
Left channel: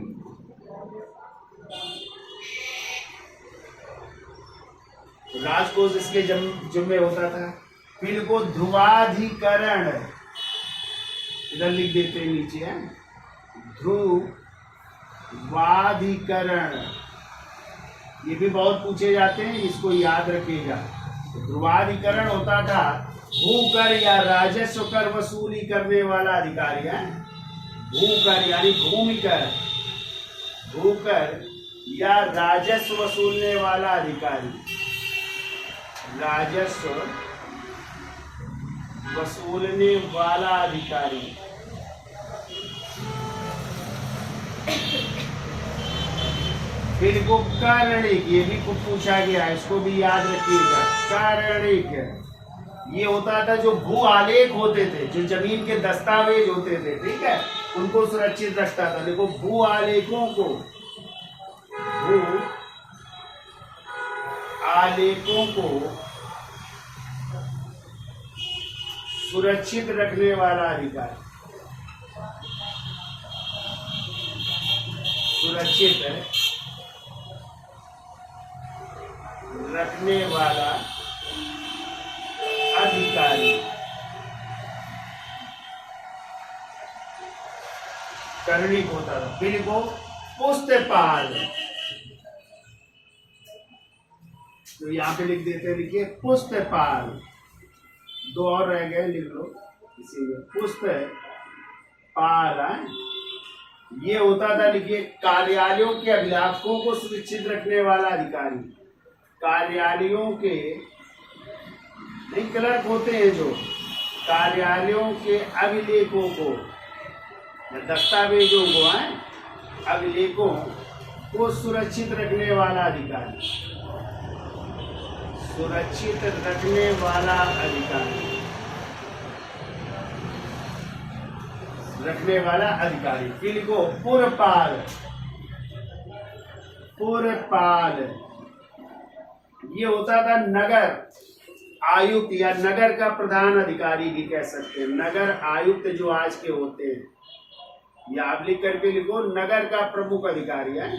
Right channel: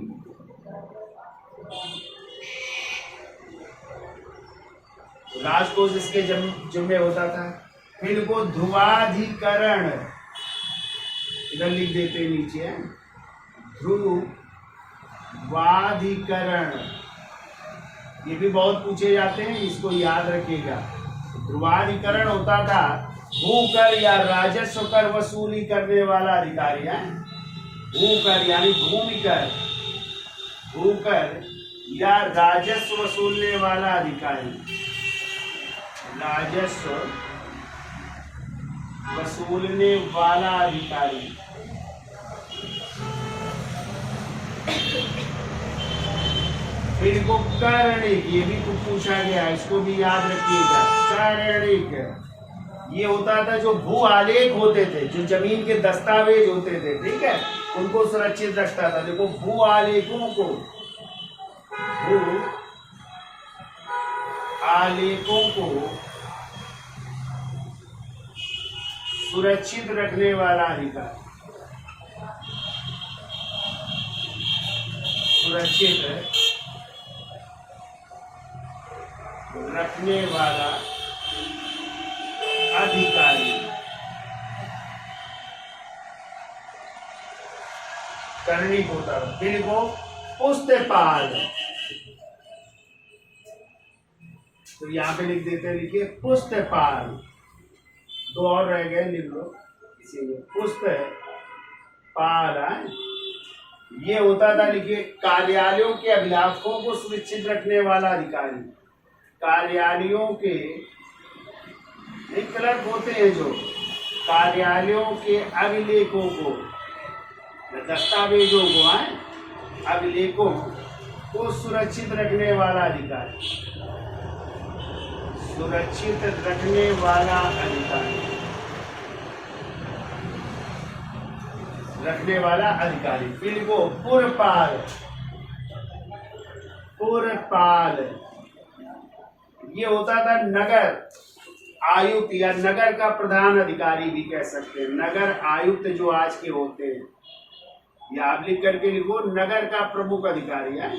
राजकोष इसके जिम्मे होता था। फिर को ध्रुवाधिकरण, इधर लिख देते हैं नीचे है, ध्रुवाधिकरण, ये भी बहुत पूछे जाते हैं, इसको याद रखिएगा। ध्रुवाधिकरण होता था भूकर या राजस्व कर वसूली करने वाला अधिकारी है। भूकर यानी भूमि कर, भूकर या राजस्व वसूलने वाला अधिकारी, राजस्व वसूलने वाला अधिकारी। फिर को कर्णिक, ये भी कुछ पूछा गया, इसको भी याद रखिएगा। कर्णिक ये होता था जो भू आलेख होते थे, जो जमीन के दस्तावेज होते थे, ठीक है, उनको सुरक्षित रखता था। देखो भू आलेखों को, भू आलेखों को सुरक्षित रखने वाला अधिकारी, सुरक्षित रखने वाला अधिकारी। कर्णिक होता था। फिर को पुस्तपाल, तो यहाँ पे लिख देते हैं, लिखिए पुस्तपाल, दो और रह गए, लिख लो इसीलिए पुस्तपाल। ये होता था, लिखिए कार्यालयों के अभिलाषों को सुरक्षित रखने वाला अधिकारी। कार्यालयों के नहीं, क्लर्क होते हैं जो, कार्यालयों के अभिलेखों को, दस्तावेजों को, अभिलेखों को सुरक्षित रखने वाला अधिकारी, सुरक्षित रखने वाला अधिकारी, रखने वाला अधिकारी। फिर को पुरपाल, पुरपाल ये होता था नगर आयुक्त या नगर का प्रधान अधिकारी भी कह सकते हैं। नगर आयुक्त जो आज के होते हैं, या आप लिख करके लिखो नगर का प्रमुख अधिकारी है,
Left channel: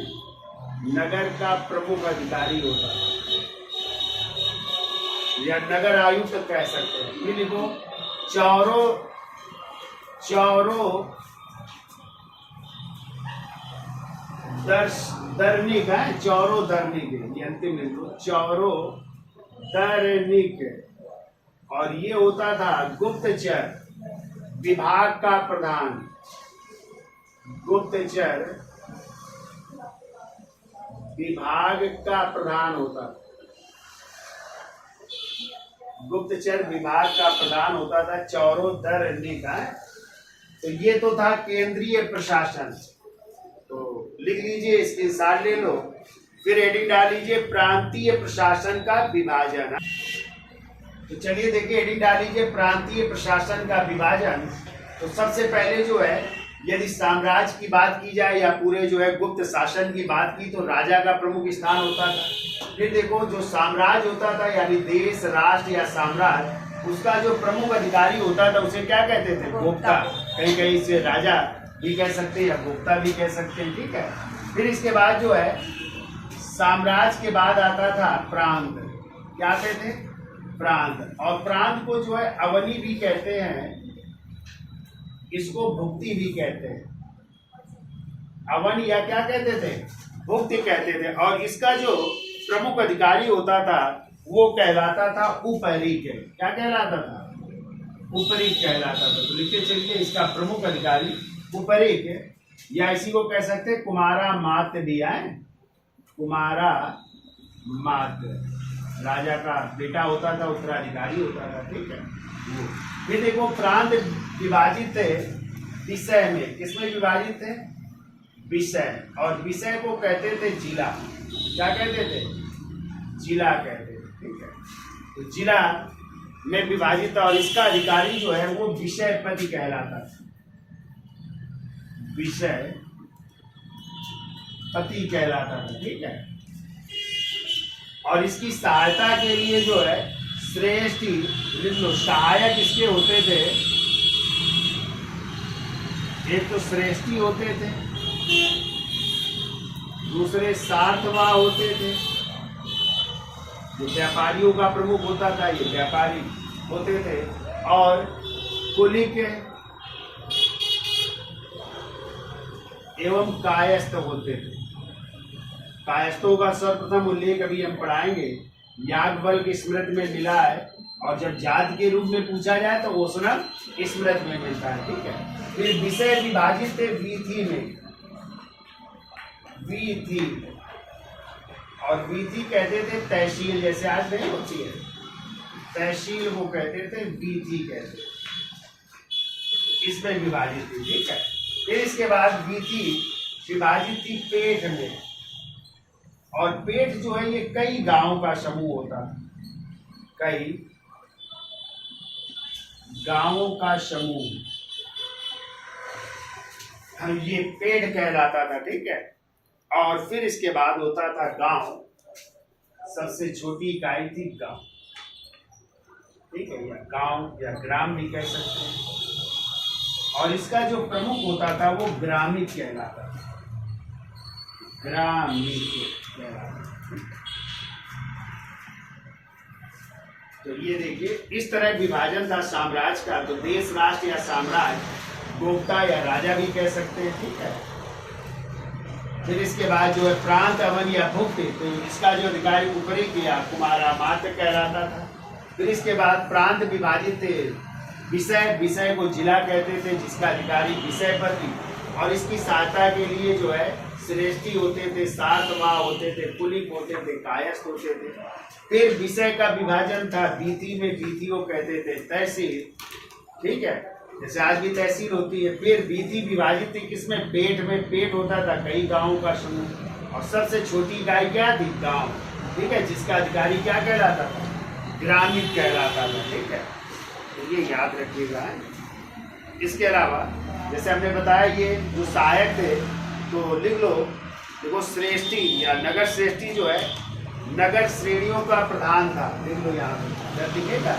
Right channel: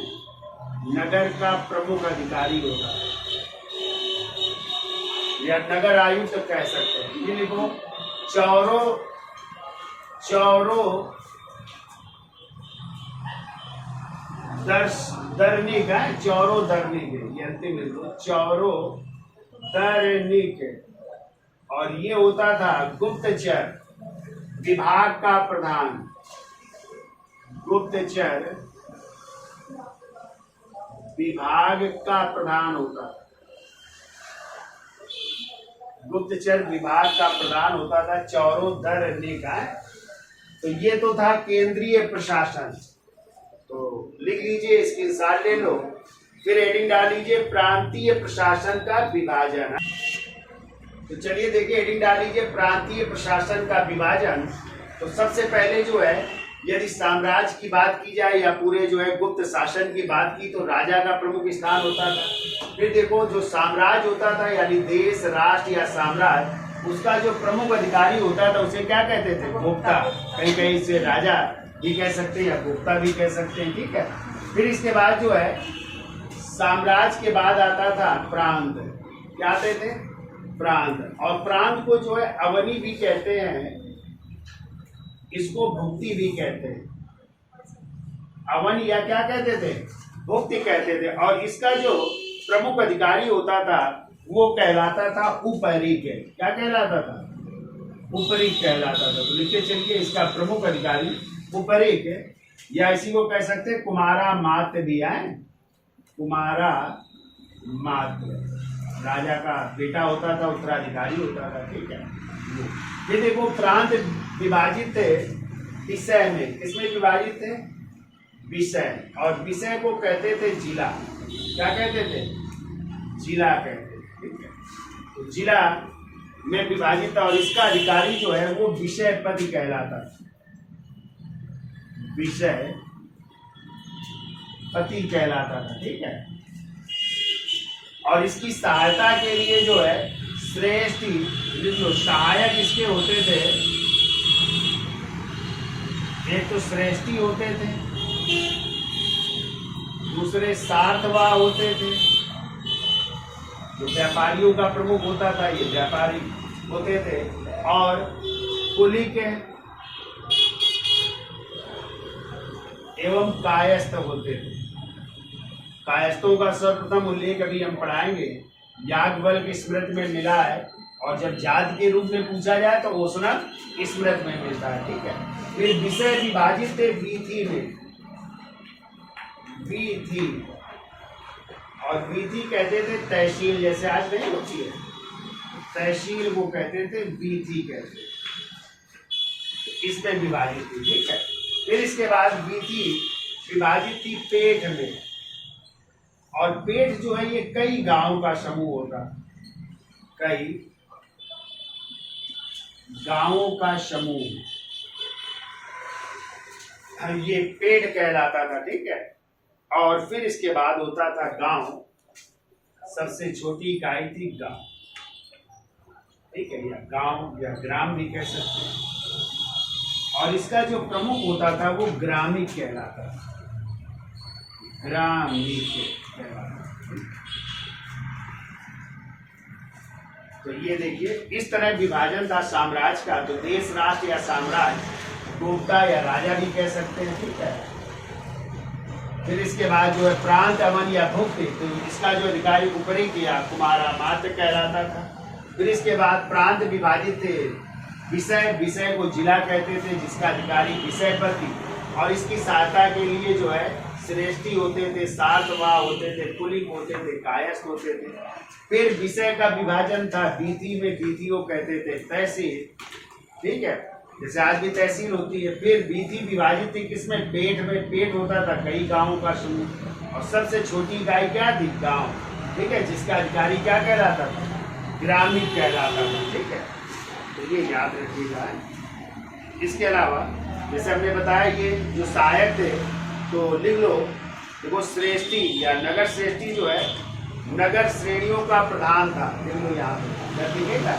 नगर का प्रमुख अधिकारी होता है। या नगर आयुक्त कह सकते हैं। ये लिखो चौरो चौरो दर्निक है, चौरो दर्निक, ये अंतिम लिख दो, चौरो दर्निक। और ये होता था गुप्तचर विभाग का प्रधान, गुप्तचर विभाग का प्रधान होता था, गुप्तचर विभाग का प्रधान होता था चौरो दर्निक है। तो ये तो था केंद्रीय प्रशासन। तो लिख लीजिए, स्क्रीनशॉट ले लो, फिर हेडिंग डाल लीजिए प्रांतीय प्रशासन का विभाजन। तो चलिए देखिए, हेडिंग डाल लीजिए प्रांतीय प्रशासन का विभाजन। तो सबसे पहले जो है, यदि साम्राज्य की बात की जाए या पूरे जो है गुप्त शासन की बात की, तो राजा का प्रमुख स्थान होता था। फिर देखो, जो साम्राज्य होता था यानी देश, राष्ट्र या साम्राज्य, उसका जो प्रमुख अधिकारी होता था उसे क्या कहते थे? गोप्ता। कहीं कहीं से राजा भी कह सकते हैं या गोप्ता भी कह सकते हैं, ठीक है। फिर इसके बाद जो है, साम्राज्य के बाद आता था प्रांत। क्या कहते थे? प्रांत। और प्रांत को जो है अवनी भी कहते हैं, इसको भुक्ति भी कहते हैं। अवन या क्या कहते थे? भुक्ति कहते थे। और इसका जो प्रमुख अधिकारी होता था वो कहलाता था उपरिक। क्या कहलाता था? उपरिक कहलाता था। तो लिखते चलिए, इसका प्रमुख अधिकारी उपरिक, या इसी को कह सकते हैं कुमारा मात्र भी है। कुमारा मात्र राजा का बेटा होता था, उत्तराधिकारी होता था, ठीक है। फिर देखो, प्रांत विभाजित थे विषय में। किसमें विभाजित थे? विषय। और विषय को कहते थे जिला। क्या कहते थे? जिला कहते थे, ठीक है। तो जिला में विभाजित, और इसका अधिकारी जो है वो विषयपति कहलाता था, विषय पति कहलाता था, ठीक है। और इसकी सहायता के लिए जो है श्रेष्ठी, जो सहायक इसके होते थे, एक तो श्रेष्ठी होते थे, दूसरे सार्थवा होते थे। जो व्यापारियों का प्रमुख होता था, ये व्यापारी होते थे। और कुलिक एवं कायस्थ होते थे। कायस्थों का सर्वप्रथम उल्लेख अभी हम पढ़ाएंगे, याज्ञवल्क्य की स्मृति में मिला है। और जब जाति के रूप में पूछा जाए तो ओसनक स्मृति में मिलता है, ठीक है। फिर विषय विभाजित थे वीथी में, वीथी। और वीथी कहते थे तहसील, जैसे आज नहीं होती है तहसील, वो कहते थे वीथी कहते थे। इसमें विभाजित थी, ठीक है। फिर इसके बाद वीथी विभाजित थी पेठ में। और पेठ जो है ये कई गांवों का समूह होता, कई गांवों का समूह, ये पेड़ कहलाता था, ठीक है। और फिर इसके बाद होता था गांव। सबसे छोटी इकाई थी गांव, ठीक है, या गांव या ग्राम भी कह सकते हैं। और इसका जो प्रमुख होता था वो ग्रामिक कहलाता था, ग्रामिक कहलाता। तो ये देखिए, इस तरह विभाजन था साम्राज्य का। तो देश, राष्ट्र या साम्राज्य, गोप्ता या राजा भी कह सकते हैं, ठीक है। फिर इसके बाद जो है प्रांत, अवन या भुक्ति, तो इसका जो अधिकारी उपरिक या कुमारा मात्र कहलाता था। फिर इसके बाद प्रांत विभाजित थे विषय, विषय को जिला कहते थे, जिसका अधिकारी विषयपति। और इसकी सहायता के लिए जो है श्रेष्ठी होते थे, सार्थवा होते थे, कुलिक होते थे, कायस्थ होते थे। फिर विषय का विभाजन था वीथी में, वीथी को कहते थे तहसील, ठीक है, जैसे आज भी तहसील होती है। फिर वीथी विभाजित थी किसमें? पेट में। पेट होता था कई गांवों का समूह। और सबसे छोटी इकाई क्या थी? गांव, ठीक है, जिसका अधिकारी क्या कहलाता था? ग्रामीण कहलाता था, ठीक है। तो ये याद रखिएगा। इसके अलावा जैसे हमने बताया, ये जो सहायक थे तो लिख लो, देखो श्रेष्ठी या नगर श्रेष्ठी जो है नगर श्रेणियों का प्रधान था, लिख लो यहाँ पे, लिखेगा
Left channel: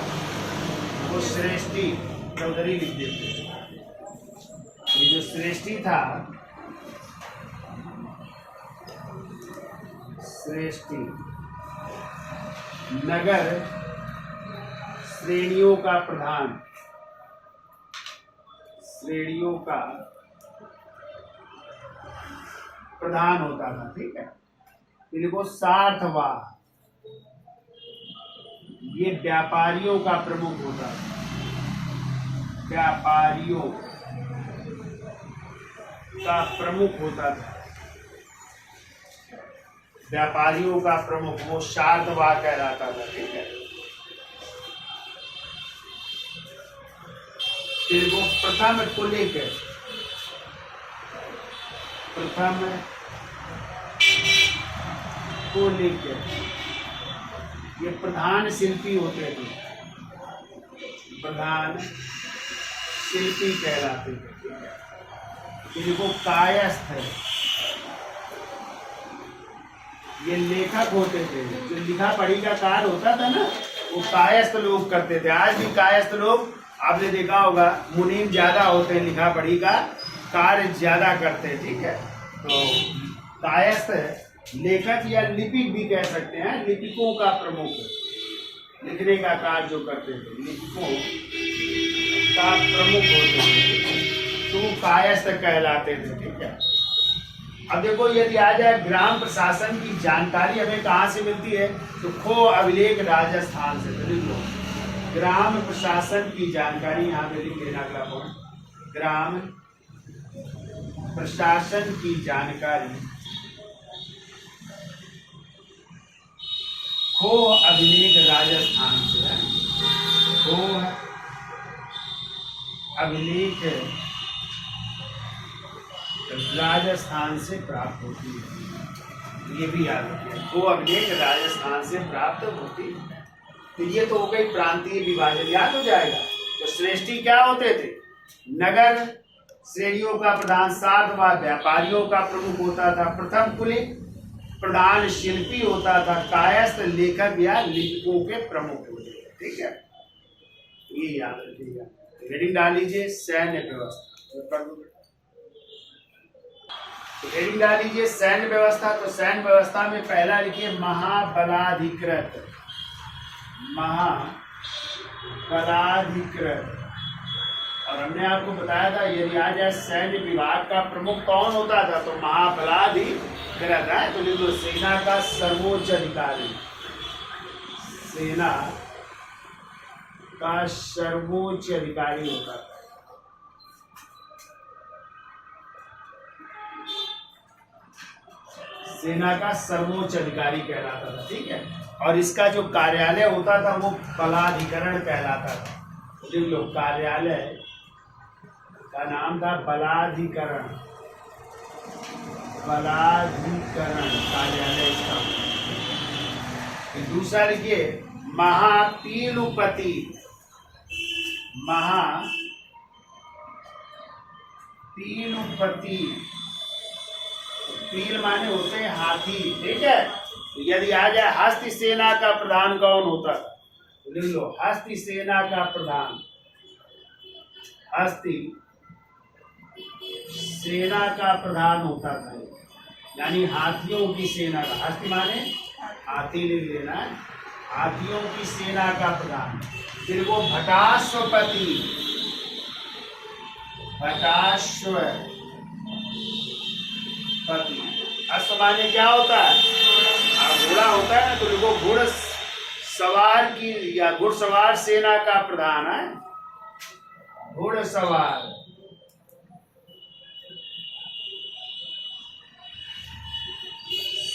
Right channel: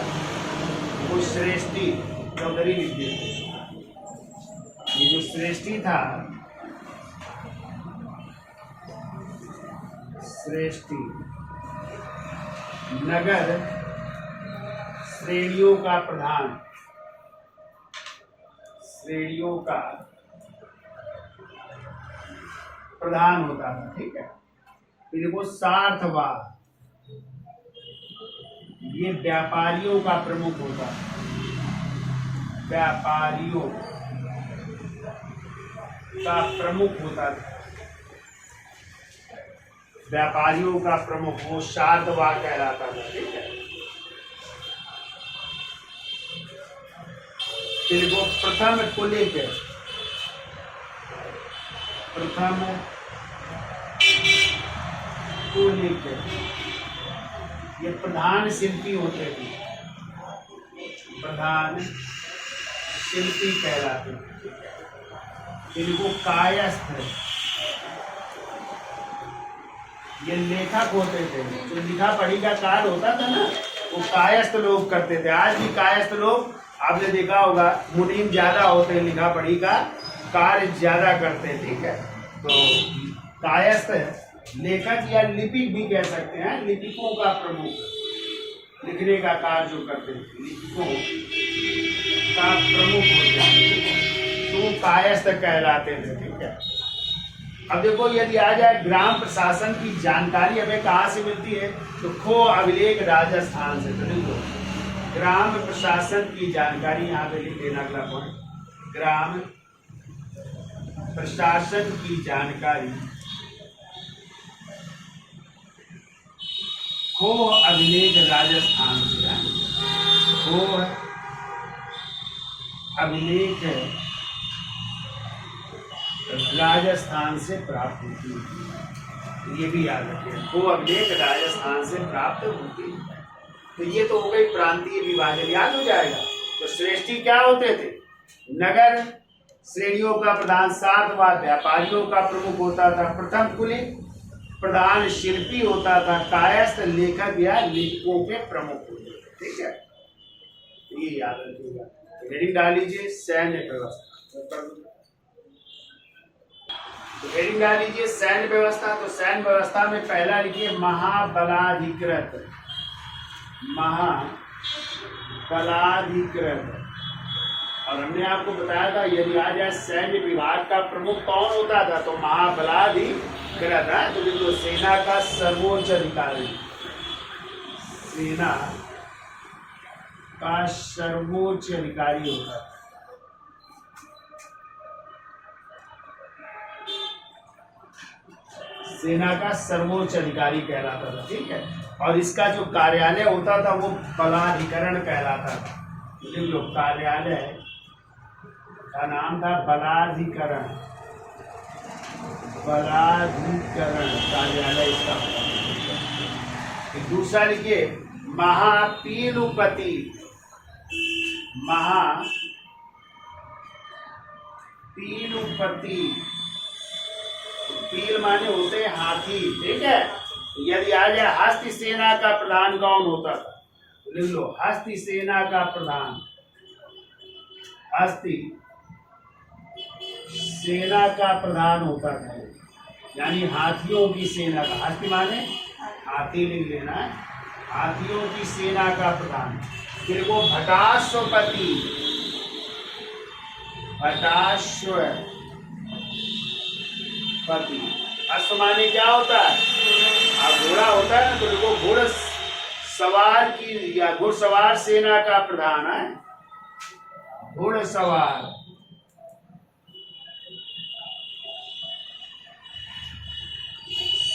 वो श्रेष्ठी, चौधरी लिख देते। ये जो श्रेष्ठी था, श्रेष्ठी नगर श्रेणियों का प्रधान, श्रेणियों का प्रधान होता था, ठीक है। फिर देखो सार्थवाद, ये व्यापारियों का प्रमुख होता था, व्यापारियों का प्रमुख होता था, व्यापारियों का प्रमुख, वो शार्दवाद कहलाता था, ठीक है। फिर वो प्रथम कुलिक, प्रथम कुलिक, ये प्रधान शिल्पी होते थे, प्रधान शिल्पी कहलाते थे। इनको कायस्थ, ये लेखक होते थे, जो लिखा पढ़ी का कार्य होता था ना, वो कायस्थ लोग करते थे। आज भी कायस्थ लोग आपने देखा होगा, मुनीम ज्यादा होते हैं, लिखा पढ़ी का कार्य ज्यादा करते हैं, ठीक है। तो कायस्थ लेखक या लिपिक भी कह सकते हैं, लिपिकों का प्रमुख, लिखने का कार्य जो करते थे, लिपिकों का प्रमुख होते थे, तो कायस्थ कहलाते थे, ठीक है। अब देखो, यदि आ जाए ग्राम प्रशासन की जानकारी हमें कहाँ से मिलती है, तो खो अभिलेख राजस्थान से। तो लिख लो, ग्राम प्रशासन की जानकारी यहाँ पे लिख लेना, अगला पॉइंट, ग्राम प्रशासन की जानकारी खो अभिलेख राजस्थान से है। खो अभिलेख राजस्थान से प्राप्त होती है, ये भी याद रखिए, खो अभिलेख राजस्थान से प्राप्त होती है। तो ये तो हो गई प्रांतीय विभाजन, याद हो जाएगा। तो श्रेष्ठी क्या होते थे, नगर श्रेणियों का प्रधान, सार्थवाद व्यापारियों का प्रमुख होता था, प्रथम कुलिक प्रधान शिल्पी होता था, कायस्थ लेखक या लिपिकों के प्रमुख होते थे, ठीक है। ये याद रखिएगा। हेडिंग डाल लीजिए सैन्य व्यवस्था, हेडिंग डाल लीजिए सैन्य व्यवस्था। तो सैन्य व्यवस्था में पहला लिखिए महाबलाधिकृत, महाबलाधिकृत। और हमने आपको बताया था, यदि आ जाए सैन्य विभाग का प्रमुख कौन होता था, तो महाबलाधिकृत है। तो लिख लो सेना का सर्वोच्च अधिकारी, सेना का सर्वोच्च अधिकारी होता था। सेना का सर्वोच्च अधिकारी कहलाता था, ठीक है। और इसका जो कार्यालय होता था वो बलाधिकरण कहलाता था। तो लिख लो, कार्यालय का नाम था बलाधिकरण, बलाधिकरण कार्यालय इसका। फिर दूसरा लिखिए महापीलुपति, महापीलुपति, पील माने होते हैं हाथी, ठीक है। तो यदि आ जाए हस्ती सेना का प्रधान कौन होता था, तो लिख लो हस्ती सेना का प्रधान, हस्ती सेना का प्रधान होता था, यानी हाथियों की सेना का, हस्ती माने हाथी लिख लेना है, हाथियों की सेना का प्रधान। फिर वो भटाश्वपति, भटाश्वपति, अश्व माने क्या होता है, घोड़ा होता है ना, तो देखो घोड़ सवार की या घुड़सवार सेना का प्रधान है, घुड़सवार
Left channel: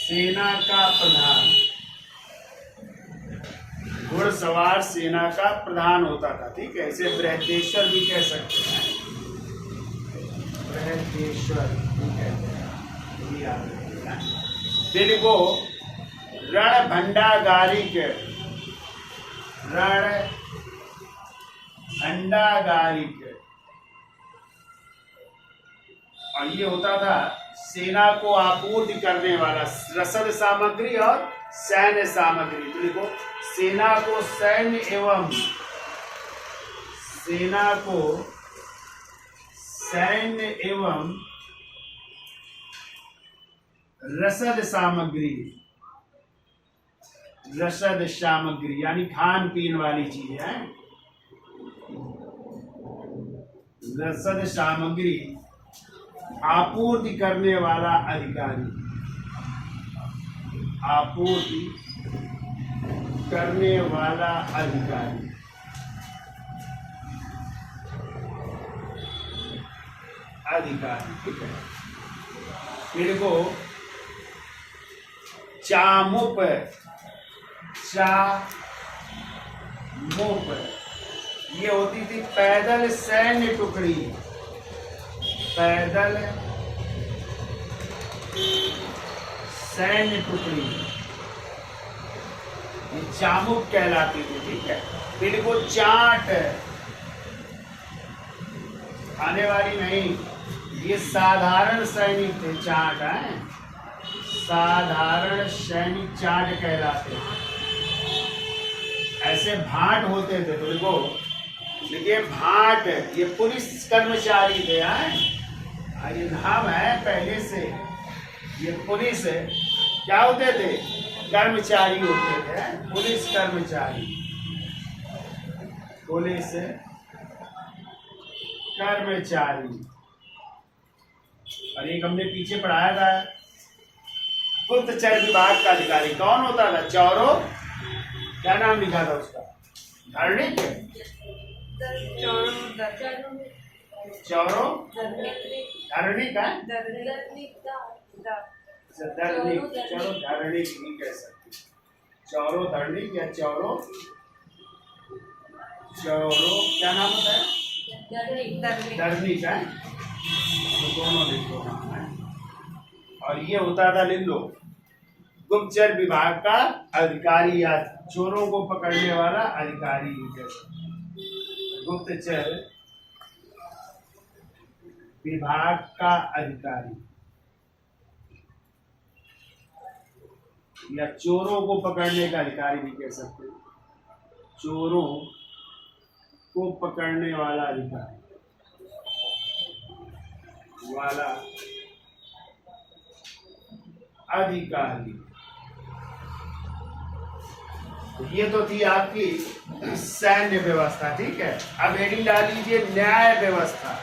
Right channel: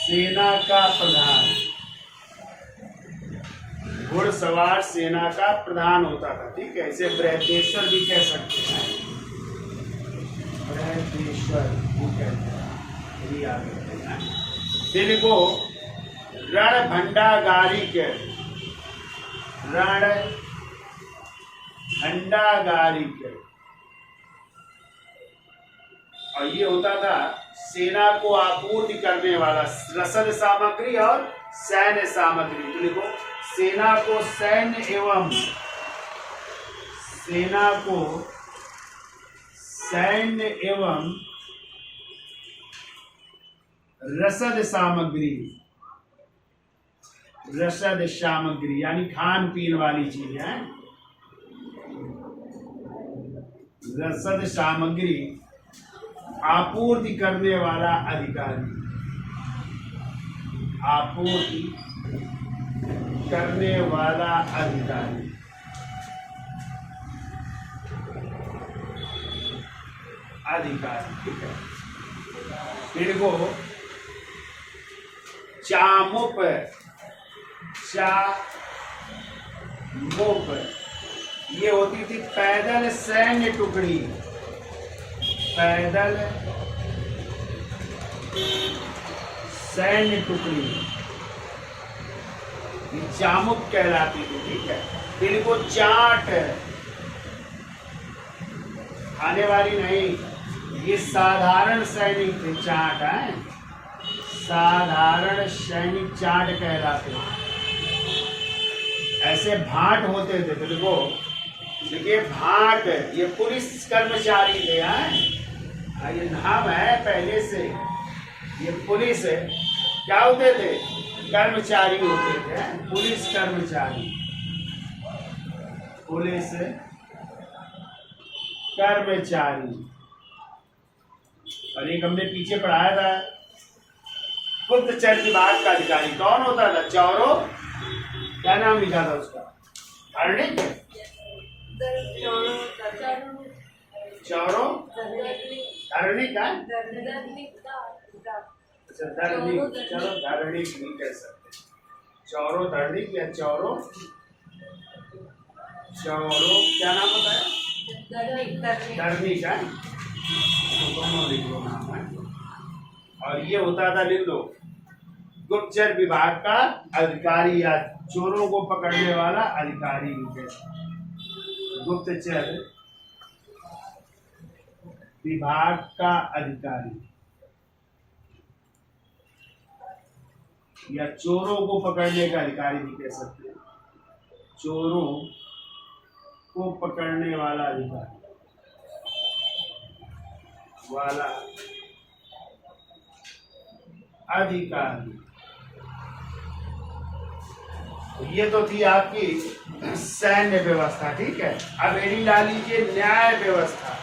सेना का प्रधान, घुड़सवार सेना का प्रधान होता था, ठीक है। इसे बृहदेश्वर भी कह सकते हैं, बृहदेश्वर भी कहते हैं, ये याद रखिएगा। फिर को रणभंडागारिक, रणभंडागारिक, और ये होता था सेना को आपूर्ति करने वाला, रसद सामग्री और सैन्य सामग्री। तो देखो सेना को सैन्य एवं, सेना को सैन्य एवं रसद सामग्री, रसद सामग्री यानी खान पीन वाली चीजें हैं, रसद सामग्री आपूर्ति करने वाला अधिकारी, आपूर्ति करने वाला अधिकारी। अधिकारी, ठीक है। फिर को चामुप, चामुप ये होती थी पैदल सैन्य टुकड़ी, पैदल सैन्य टुकड़ी, ये चामुप कहलाती थी, ठीक है। फिर को चाट, खाने वाली नहीं, ये साधारण सैनिक थे, चाट है, साधारण सैनिक चाट कहलाते। ऐसे भाट होते थे, बिल्कुल देखिए भाट, ये पुलिस कर्मचारी थे, ये नाम है पहले से, ये पुलिस है, क्या होते थे, कर्मचारी होते थे, पुलिस कर्मचारी, पुलिस कर्मचारी। और एक हमने पीछे पढ़ाया था, गुप्तचर विभाग का अधिकारी कौन होता था, चौरो, क्या नाम लिखा था उसका, धार्मिक, चौरो धार्मिक है, अच्छा धार्मिक, चलो धार्मिक नहीं कह सकते, चौरो धार्मिक या चौरो, चौरो क्या नाम होता है, धार्मिक है, तो दोनों लिख लो नाम है। और ये होता था, लिख लो, गुप्तचर विभाग का अधिकारी या चोरों को पकड़ने वाला अधिकारी, गुप्तचर विभाग का अधिकारी या चोरों को पकड़ने का अधिकारी भी कह सकते हैं, चोरों को पकड़ने वाला अधिकारी वाला अधिकारी। ये तो थी आपकी सैन्य व्यवस्था, ठीक है। अब हेडिंग डाल लीजिए न्याय व्यवस्था।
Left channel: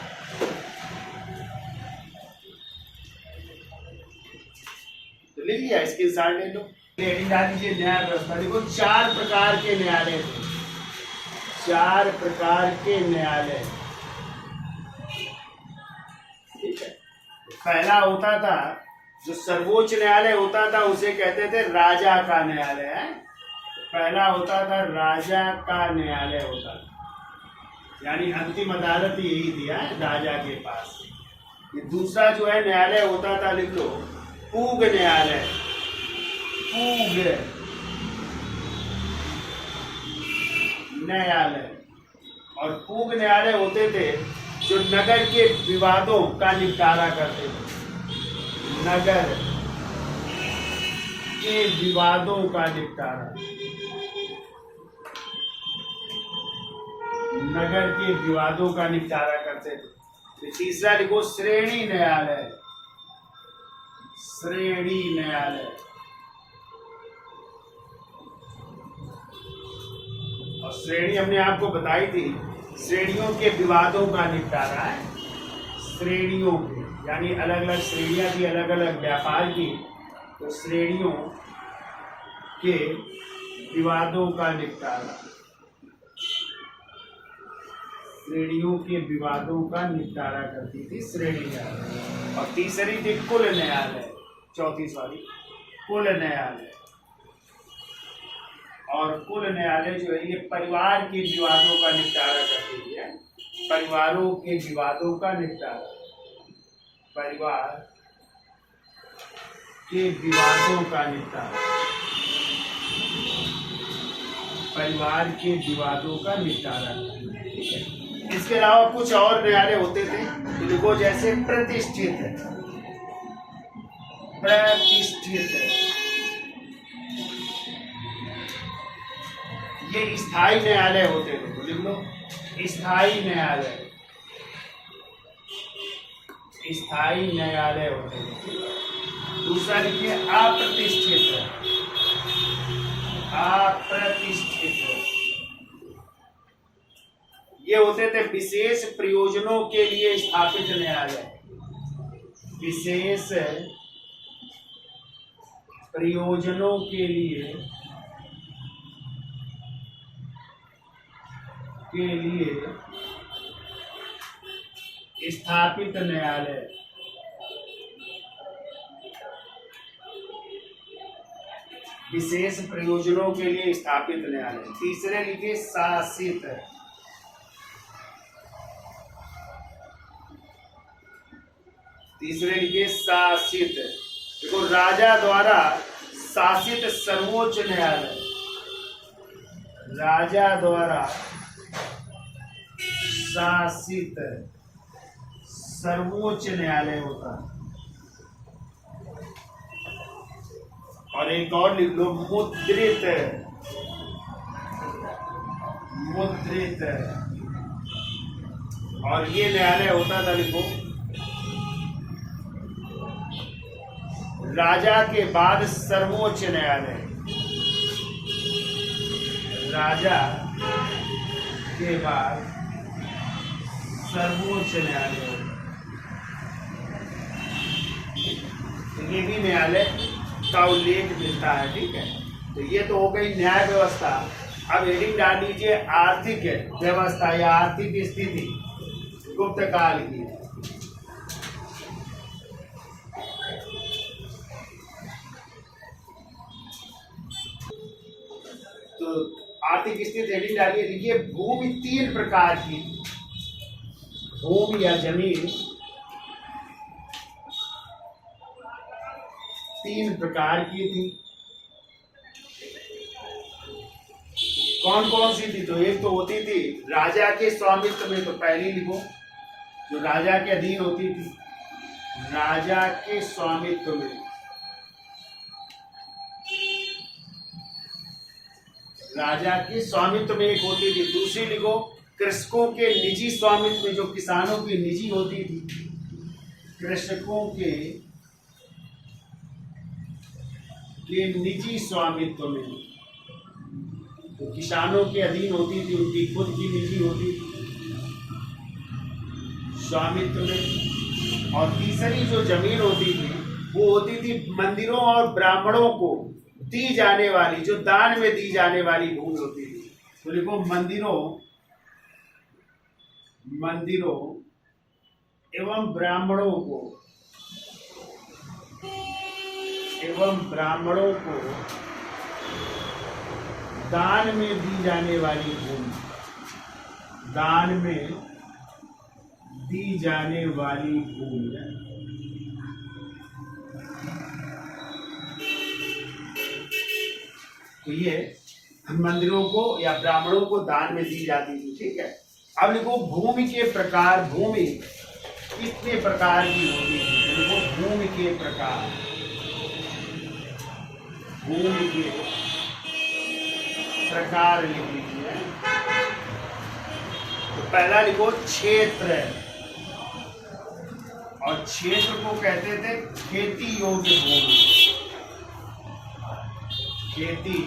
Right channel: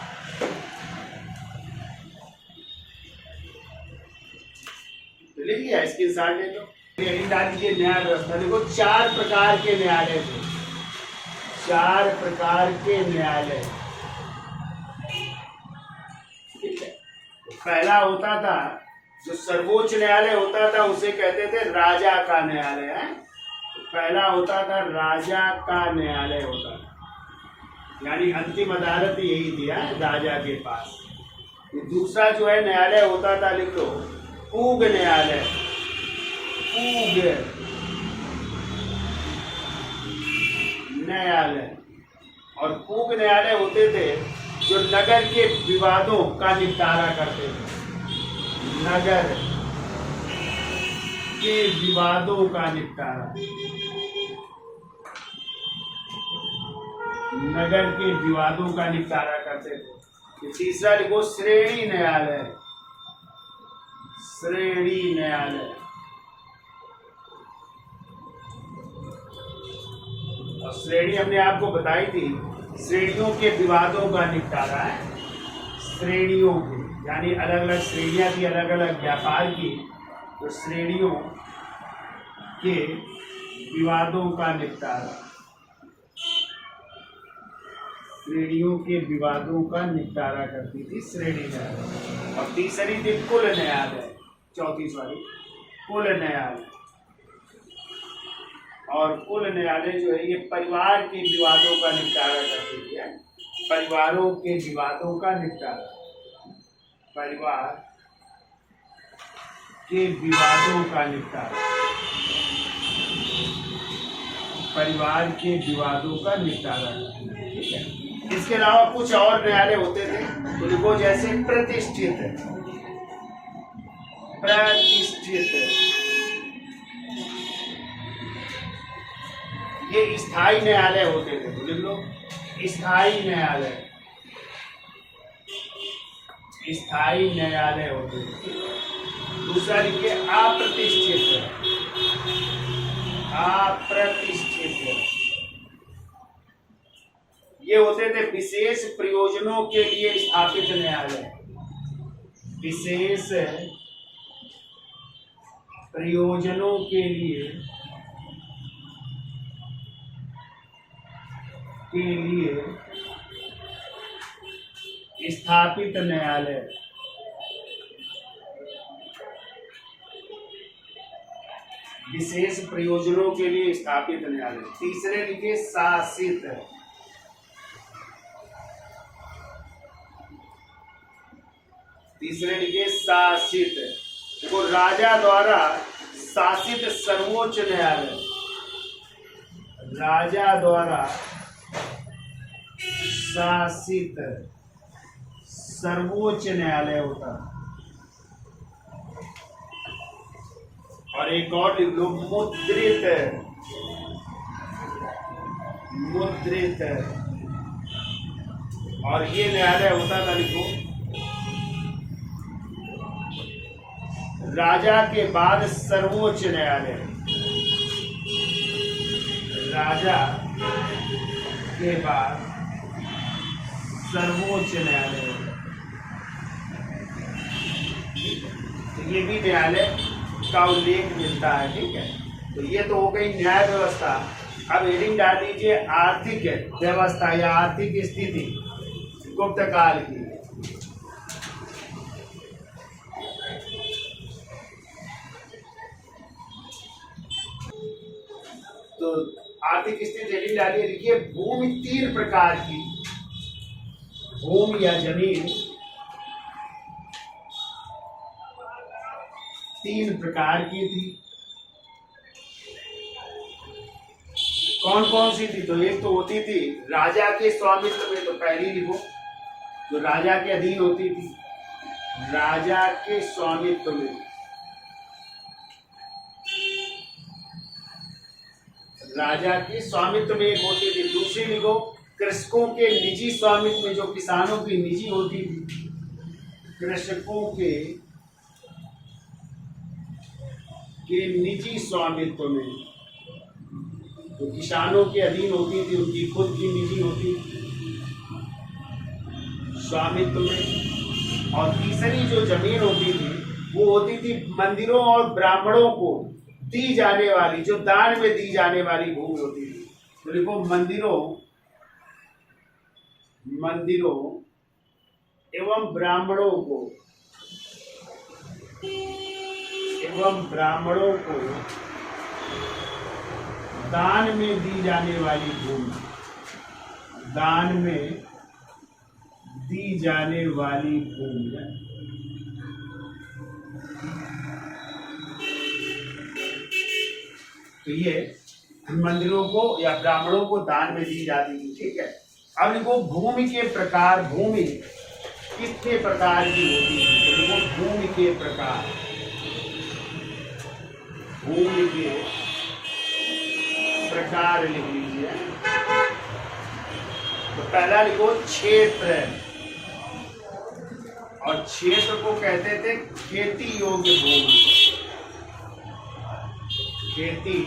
तो ले लिया, इसके साथ ले लो, हेडिंग डाल लीजिए न्याय व्यवस्था। देखो 4 प्रकार के न्यायालय थे, 4 प्रकार के न्यायालय, ठीक है। पहला होता था, जो सर्वोच्च न्यायालय होता था उसे कहते थे राजा का न्यायालय है, पहला होता था राजा का न्यायालय होता था, यानी अंतिम अदालत यही थी राजा के पास। ये दूसरा जो है न्यायालय होता था, लिख लो, पूग न्यायालय, पूग न्यायालय। और पूग न्यायालय होते थे जो नगर के विवादों का निपटारा करते थे, नगर के विवादों का निपटारा, नगर के विवादों का निपटारा करते थे। तीसरा लिखो श्रेणी न्यायालय, श्रेणी न्यायालय। और श्रेणी हमने आपको बताई थी, श्रेणियों के विवादों का निपटारा है, श्रेणियों के, यानी अलग अलग श्रेणियां थी, अलग अलग व्यापार की, तो श्रेणियों के विवादों का निपटारा, श्रेणियों के विवादों का निपटारा करती थी श्रेणी न्यायालय। और तीसरी थी कुल न्यायालय, चौथी सॉरी कुल न्यायालय। और कुल न्यायालय जो है ये परिवार के विवादों का निपटारा करती थी, परिवारों के विवादों का निपटारा, परिवार के विवादों का निपटारा, परिवार के विवादों का निपटारा, ठीक है। इसके अलावा कुछ और न्यायालय होते थे, जिनको जैसे प्रतिष्ठित, प्रतिष्ठित, ये स्थायी न्यायालय होते थे, तो लिख लो स्थायी न्यायालय, स्थायी न्यायालय होते थे। दूसरा लिखिए अप्रतिष्ठित, अप्रतिष्ठित, ये होते थे विशेष प्रयोजनों के लिए स्थापित न्यायालय। विशेष प्रयोजनों के लिए स्थापित न्यायालय। विशेष प्रयोजनों के लिए स्थापित न्यायालय। तीसरे लिखे शासित। तीसरे लिखे शासित। देखो, राजा द्वारा शासित सर्वोच्च न्यायालय। राजा द्वारा शासित सर्वोच्च न्यायालय होता है। और एक और लिख लो, मुद्रित। मुद्रित। और ये न्यायालय होता था, लिखो, राजा के बाद सर्वोच्च न्यायालय। राजा के बाद सर्वोच्च न्यायालय होता। तो ये भी न्यायालय का उल्लेख मिलता है। ठीक है, तो ये तो हो गई न्याय व्यवस्था। अब हेडिंग डाल दीजिए आर्थिक व्यवस्था या आर्थिक स्थिति गुप्त काल की। तो आर्थिक स्थिति हेडिंग डालिए, लिखिए भूमि 3 प्रकार की। भूमि या जमीन 3 प्रकार की थी। कौन कौन सी थी? तो एक तो होती थी राजा के स्वामित्व में, तो पहली लिखो, जो राजा के अधीन होती थी। राजा के स्वामित्व में। राजा के स्वामित्व में एक होती थी। दूसरी लिखो, कृषकों के निजी स्वामित्व में, जो किसानों की निजी होती थी। कृषकों के निजी स्वामित्व में, तो किसानों के अधीन होती थी, उनकी खुद की निजी होती थी स्वामित्व में। और तीसरी जो जमीन होती थी वो होती थी मंदिरों और ब्राह्मणों को दी जाने वाली, जो दान में दी जाने वाली भूमि होती थी। तो लिखो, मंदिरों एवं ब्राह्मणों को दान में दी जाने वाली भूमि। दान में दी जाने वाली भूमि। तो ये मंदिरों को या ब्राह्मणों को दान में दी जाती थी। ठीक है, अब लिखो भूमि के प्रकार। भूमि कितने प्रकार की होती है? तो लिखो भूमि के प्रकार। भूमि के प्रकार लिख लीजिए। तो पहला लिखो क्षेत्र, और क्षेत्र को कहते थे खेती योग्य भूमि। खेती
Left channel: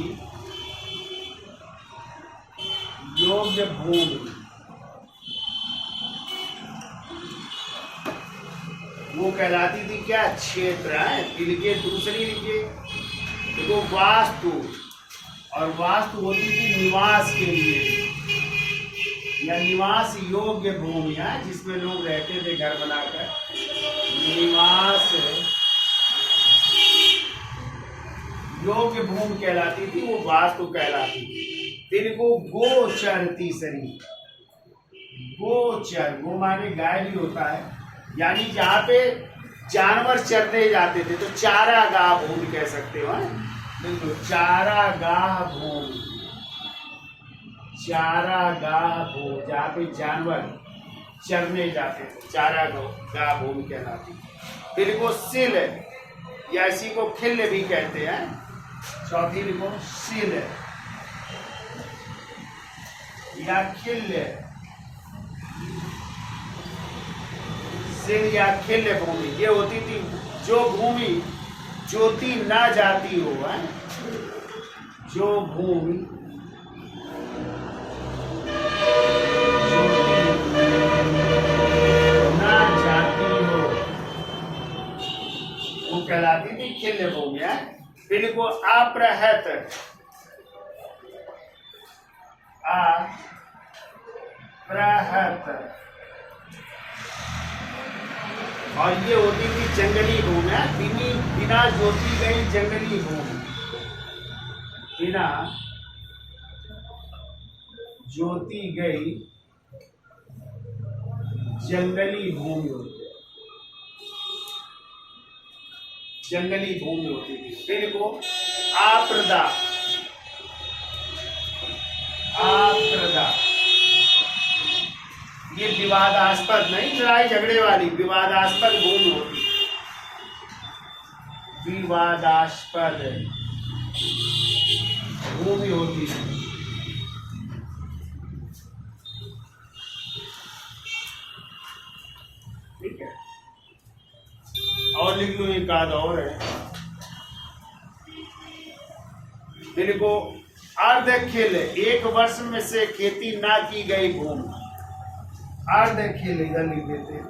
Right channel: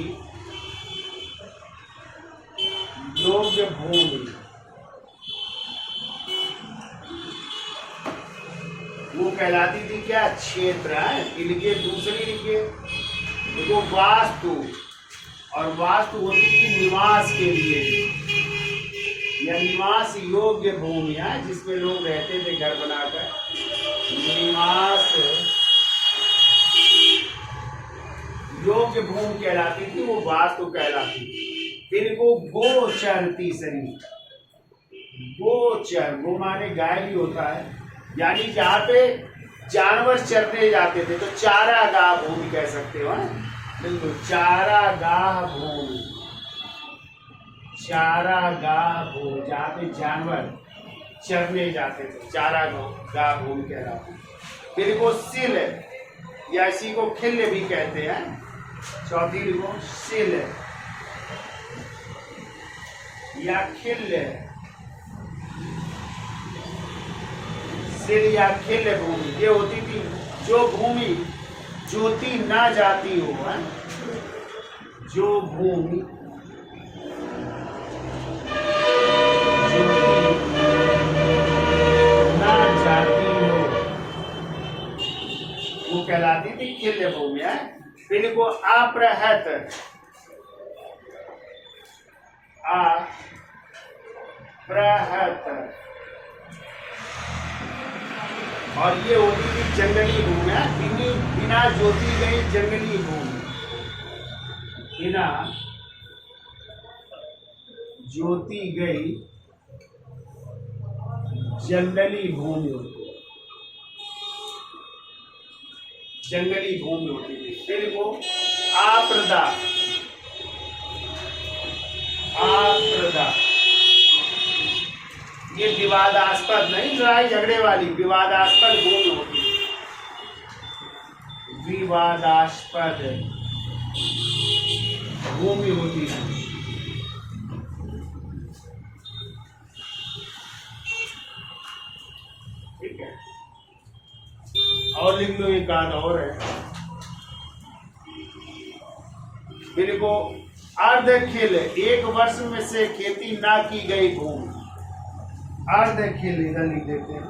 योग्य भूमि वो कहलाती थी क्या? क्षेत्र है। लिखिए दूसरी, लिखिए देखो वास्तु। और वास्तु होती थी निवास के लिए या निवास योग्य भूमि है, जिसमें लोग रहते थे घर बनाकर। निवास योग्य भूमि कहलाती थी, वो वास्तु कहलाती थी। फिर वो गोचर, तीसरी गोचर, वो माने गाय भी होता है, यानी जहाँ पे जानवर चरने जाते थे, तो चारागाह भूमि कह सकते हो। बिल्कुल, चारागाह भूमि। चारागाह भूमि, जहाँ पे जानवर चरने जाते थे, चारागाह भूमि कहलाती। फिर वो सिल, या इसी को खिल भी कहते हैं। चौथी लिखो सिल या खिल। सिल या खिल भूमि ये होती थी जो भूमि जोती ना जाती हो, है? जो भूमि जोती अप्रहत। और ये होती थी जंगली भूमि, बिना जोती गई जंगली भूमि, बिना जोती गई जंगली भूमि होती, जंगली भूमि होती थी। फिर वो आप्रदा, आप्रदा ये विवादास्पद नहीं, लड़ाई झगड़े वाली, विवादास्पद भूमि होती, विवादास्पद भूमि होती है। ठीक है, और लिख लो, एक आध और है। देखो, अर्ध खेल, एक वर्ष में से खेती ना की गई भूमि, अर्ध खेल इधर लिख देते हैं,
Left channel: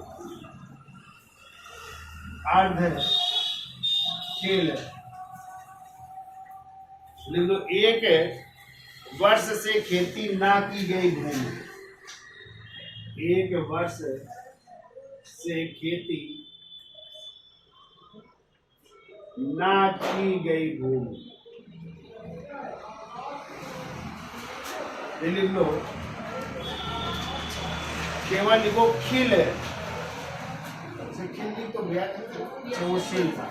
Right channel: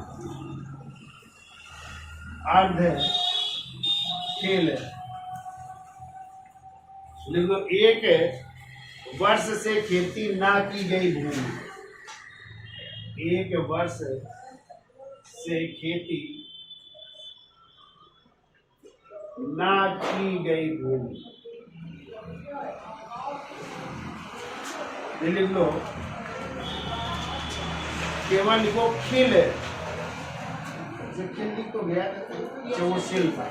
अर्ध खेल लिख दो। एक वर्ष से खेती ना की गई भूमि, एक वर्ष से खेती ना की गई भूमि, लिख लो। केवल लिखो खिल, खिल लिख तो गया वो शिल था,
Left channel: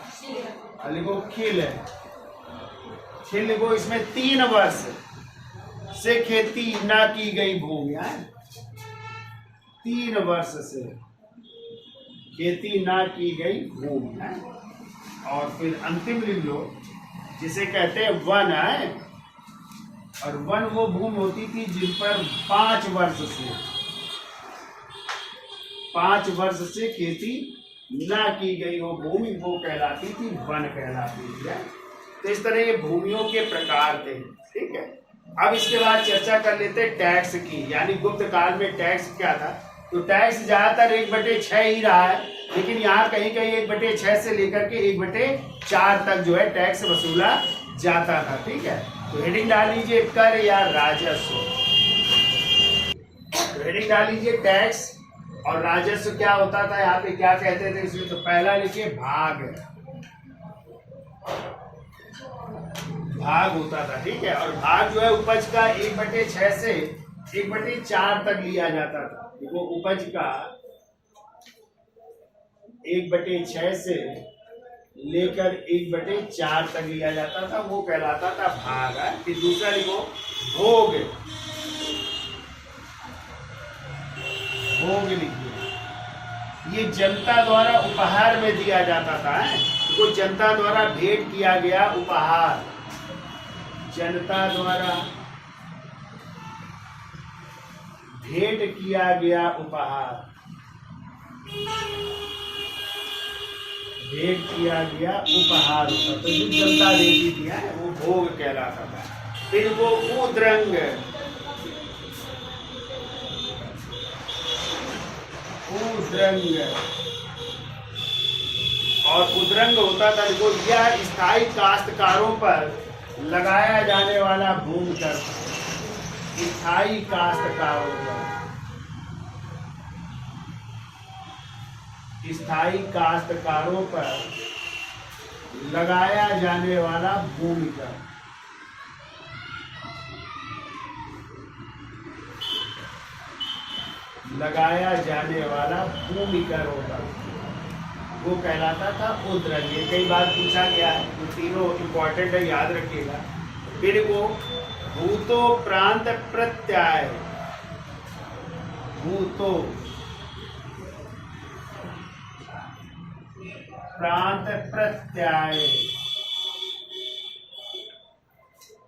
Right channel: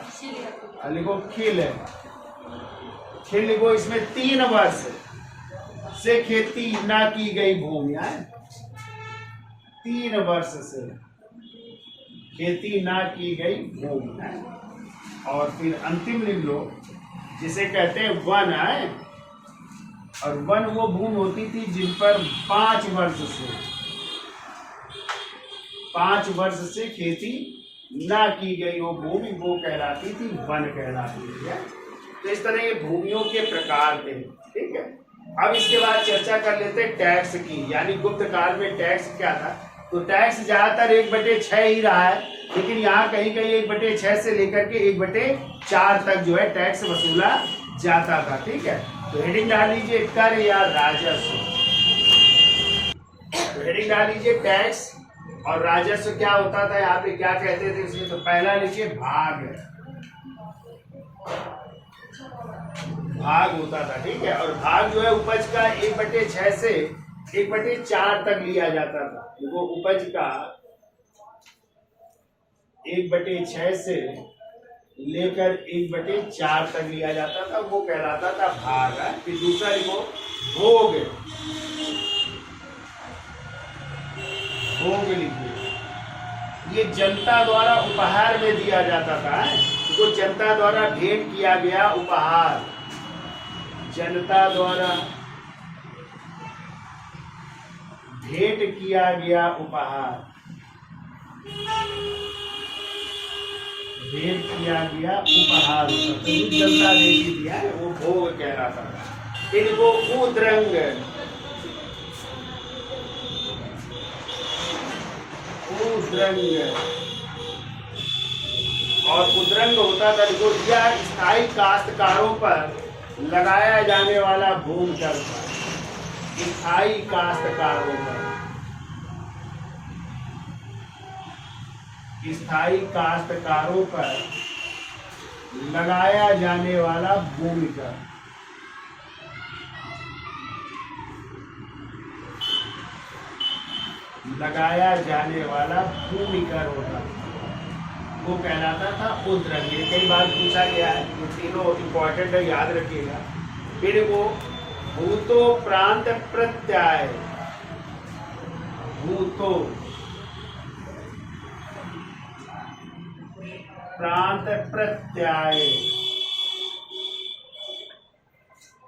लिखो खिल, खिल लिखो। इसमें 3 वर्ष से खेती ना की गई भूमि है, 3 वर्ष से खेती ना की गई भूमि है। और फिर अंतिम लिख लो, जिसे कहते हैं वन है, और वन वो भूमि होती थी जिन पर 5 वर्ष से खेती ना की गई वो भूमि, वो कहलाती थी वन कहलाती है। तो इस तरह ये भूमियों के प्रकार थे। ठीक है, अब इसके बाद चर्चा कर लेते हैं टैक्स की, यानी गुप्त काल में टैक्स क्या था। तो टैक्स ज्यादातर 1/6 ही रहा है, लेकिन यहाँ कहीं कहीं 1/6 से लेकर के 1/4 तक जो है टैक्स वसूला जाता था। ठीक है, तो हेडिंग डाल लीजिए कर या राजस्व। तो हेडिंग डाल लीजिए टैक्स और राजस्व क्या होता था, यहाँ पे क्या कहते थे इसमें। तो पहला लिखिए भाग, भाग होता था। ठीक है, और भाग जो है उपज का 1/6 से 1/4 तक लिया जाता था। देखो, उपज का 1/6 से लेकर 1/4 तक लिया जाता था, वो कहलाता था भाग। फिर दूसरा लिखो भोग, भोग लिखिए, ये जनता द्वारा उपहार में दिया जाता था। तो जनता द्वारा भेंट किया गया उपहार, जनता द्वारा भेंट किया गया उपहार, भेंट किया गया उपहार होता था, जो जनता देती थी वो भोग कहलाता था। फिर वो उद्रंग, उद्रंग, और उद्रंग होता था जो यह स्थायी काश्तकारों पर लगाया जाने वाला भूमि कर, स्थायी काश्तकारों पर, स्थायी काश्तकारों पर लगाया जाने वाला भूमि कर। लगाया जाने वाला भूमि कर होता, वो कहलाता था उद्रंग। कई बार पूछा गया है, ये तीनों इंपॉर्टेंट है, याद रखिएगा। फिर वो भूतो प्रांत प्रत्यय, भूतो प्रांत प्रत्यय,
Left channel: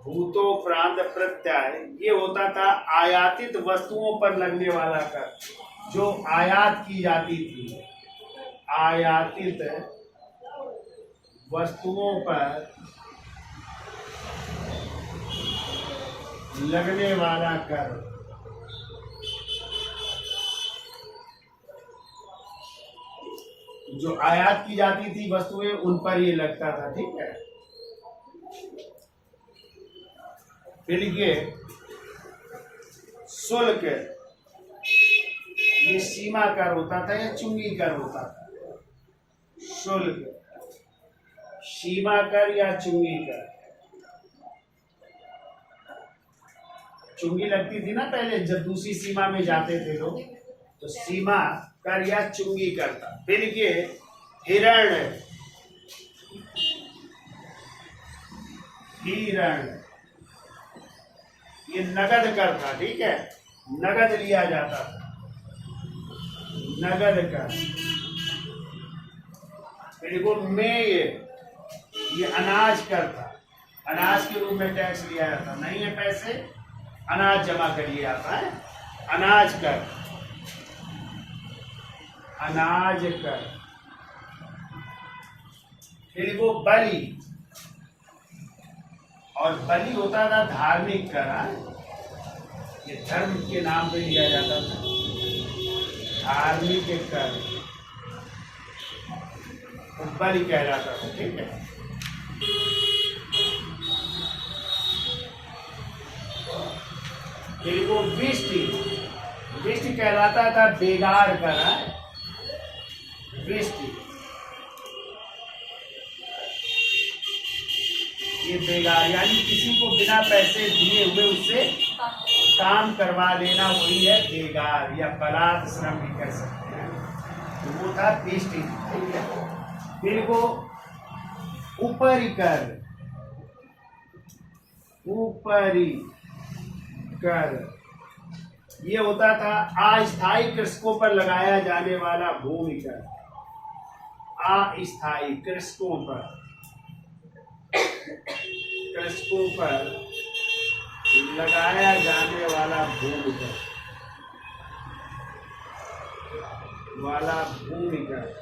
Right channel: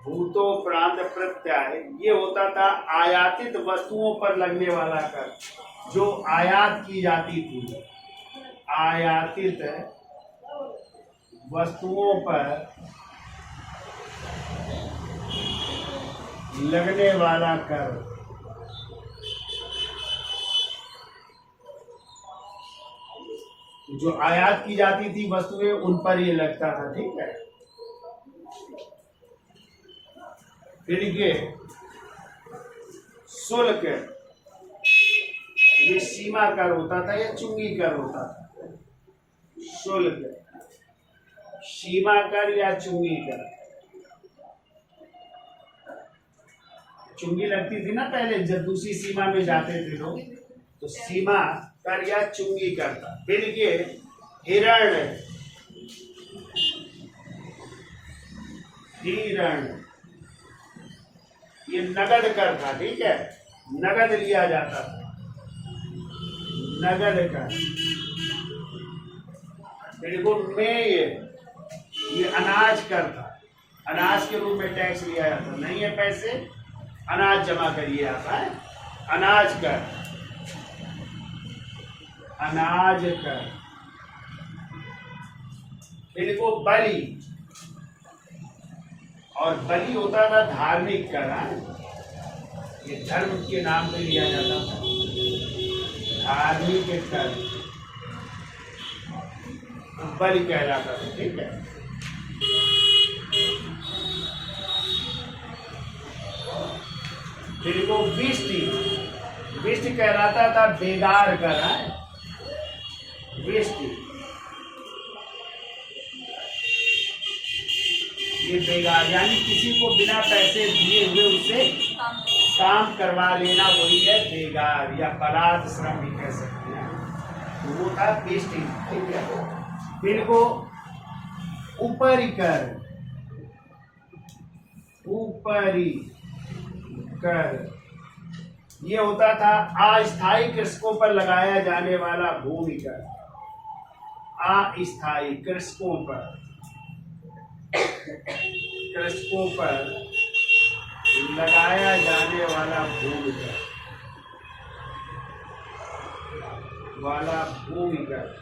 भूतो प्रांत प्रत्यय, ये होता था आयातित वस्तुओं पर लगने वाला कर, जो आयात की जाती थी, आयातित वस्तुओं पर लगने वाला कर। जो आयात की जाती थी वस्तुएं, उन पर ये लगता था। ठीक है, फिर ये शुल्क, ये सीमा कर होता था या चुंगी कर होता था? शुल्क, सीमा कर या चुंगी कर? चुंगी लगती थी ना पहले जब दूसरी सीमा में जाते थे लोग, तो सीमा कर या चुंगी कर था। फिर ये हिरण, हिरण ये नगद कर था, ठीक है, नगद लिया जाता था, नगद कर। फिर वो मेय, ये अनाज कर था, अनाज के रूप में टैक्स लिया जाता, नहीं है पैसे, अनाज जमा करिए आता है, अनाज कर, अनाज कर। फिर वो बलि, और बलि होता था धार्मिक कर, ये धर्म के नाम पे लिया जाता था, धार्मिक कर, तो बलि कहलाता था, ठीक है। फिर वो विष्टि, विष्टि कहलाता था बेगार कर, विष्टि, ये बेगार यानी किसी को बिना पैसे दिए हुए उससे काम करवा लेना, वही है बेगार, या बलात् श्रम भी कह सकते हैं, वो था विष्टि, ठीक है। फिर वो ऊपरी कर, ऊपरी कर, ये होता था अस्थायी कृषकों पर लगाया जाने वाला भूमि कर, अस्थायी कृषकों पर, कृषकों पर लगाया जाने वाला भूमि कर, वाला भूमि कर।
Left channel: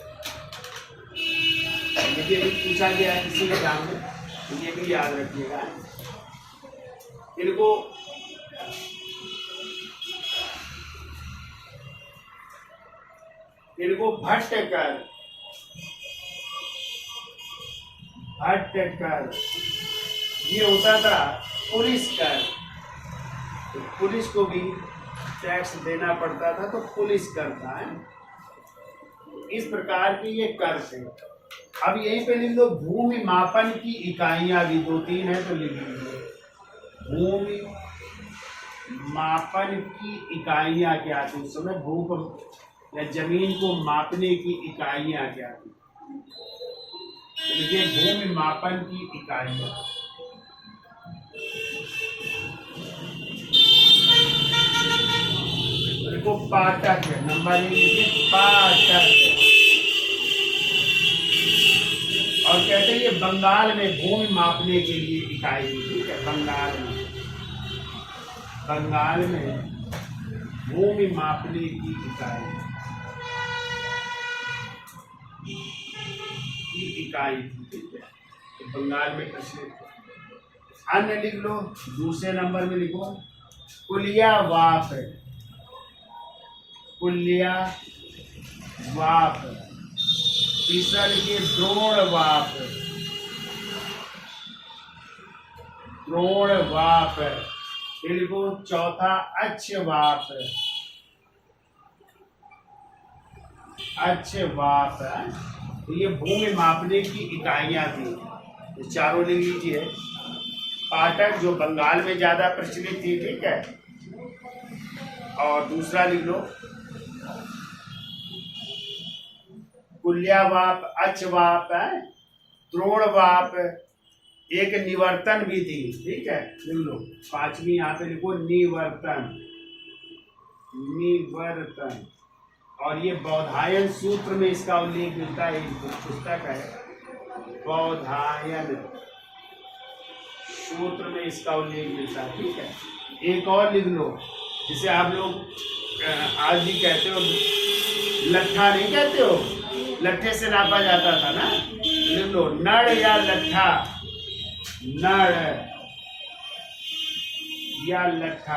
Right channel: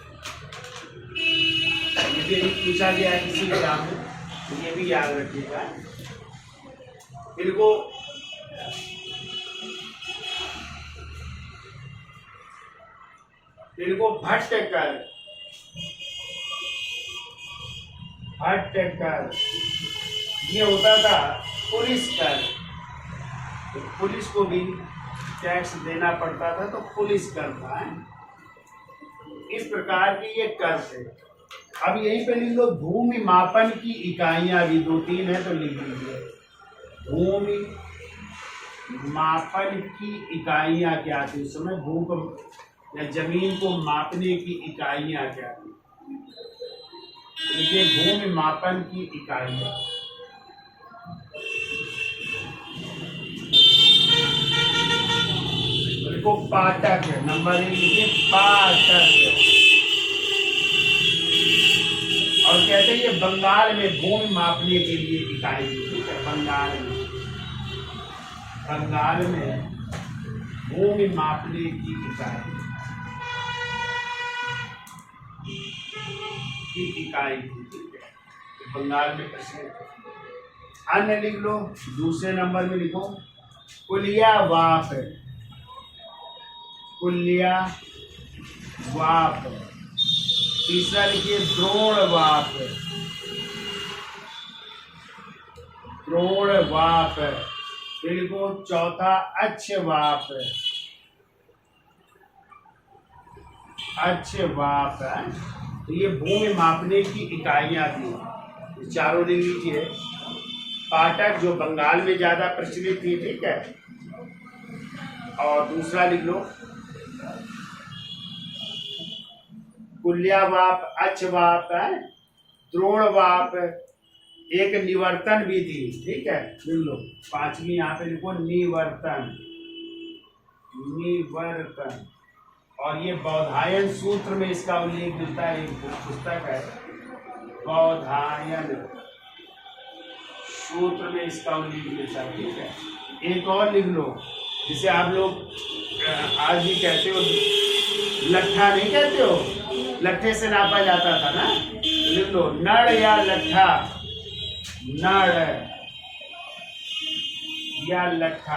ये भी पूछा गया है किसी एग्जाम में, तो ये भी याद रखिएगा। इनको इनको भट्ट कर, भट्ट कर, ये होता था पुलिस कर, तो पुलिस को भी टैक्स देना पड़ता था, तो पुलिस कर था, इस प्रकार के ये कर थे। अब यहीं पे लिख लो भूमि मापन की इकाइयां भी 2-3 है, तो लिख लीजिए भूमि मापन की इकाइयां क्या थी उस समय, भू को या जमीन को मापने की इकाइयां क्या थी, तो देखिए भूमि मापन की इकाइयां, देखो पाटक है, नंबर 1 लिखिए पाटक। और कहते हैं ये बंगाल में भूमि मापने के लिए इकाई थी, ठीक है, बंगाल में, बंगाल में भूमि मापने की इकाई थी, ठीक है, तो बंगाल में प्रचलित। अन्य लिख लो, दूसरे नंबर में लिखो कुलिया वाप, कुलिया वाप। तीसरा लिखिए द्रोण वाप, द्रोण वाप। फिर को चौथा अच्छ वाप, अच्छ वाप है, तो ये भूमि मापने की इकाइयां थी, तो चारों लिख लीजिए। पाटक जो बंगाल में ज्यादा प्रचलित थी, ठीक है, और दूसरा लिख लो कुल्यावाप, अच्छवाप है, द्रोणवाप, एक निवर्तन भी थी, ठीक है, लिख लो। पांचवी यहाँ पे लिखो निवर्तन, निवर्तन। और ये बौधायन सूत्र में इसका उल्लेख मिलता है, एक पुस्तक है बौधायन सूत्र में इसका उल्लेख मिलता है, ठीक है। एक और लिख लो, जिसे आप लोग आज भी कहते हो, लट्ठा नहीं कहते हो, लट्ठे से नापा जाता था ना, लिख लो नड़ या लट्ठा, नड़ या लट्ठा।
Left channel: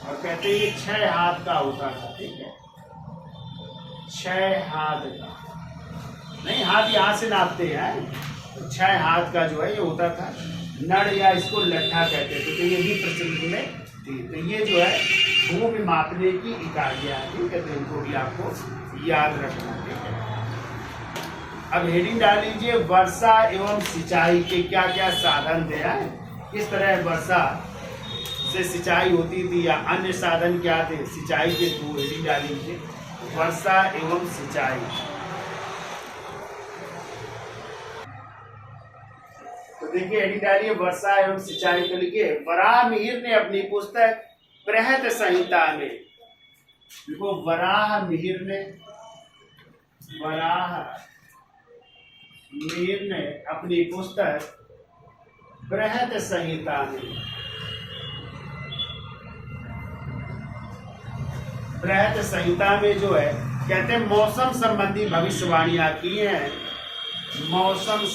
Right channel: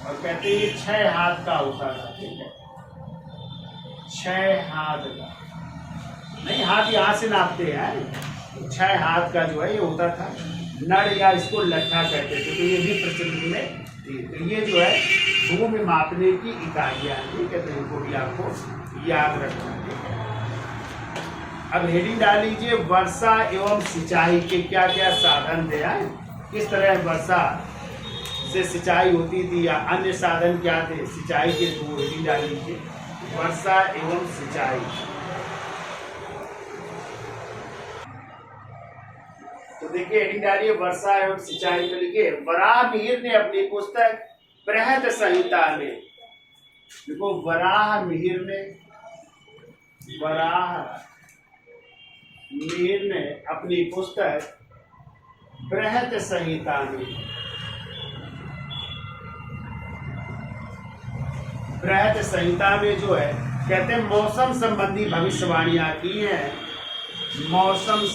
और कहते हैं ये 6 हाथ का होता था, ठीक है, 6 हाथ का, नहीं हाथ यहाँ से नापते हैं, तो 6 हाथ का जो है ये होता था। नड़ या इसको लट्ठा कहते थे, तो ये भी प्रचलित में थी। तो ये जो है भूमि मापने की इकाइयाँ हैं, ठीक है, तो इनको भी आपको याद रखना है, ठीक है। अब हेडिंग डाल लीजिए, वर्षा एवं सिंचाई के क्या क्या साधन थे, किस तरह वर्षा से सिंचाई होती थी या अन्य साधन क्या थे सिंचाई के थ्रू। हेडिंग डाल लीजिए, वर्षा एवं सिंचाई। तो देखिए हेडिंग डालिए, वर्षा एवं सिंचाई। तो लिखिए, वराहमिहिर ने अपनी पुस्तक बृहत संहिता में, देखो वराहमिहिर ने अपनी पुस्तक बृहत संहिता में, बृहत संहिता में जो है कहते हैं मौसम संबंधी भविष्यवाणियां की हैं। मौसम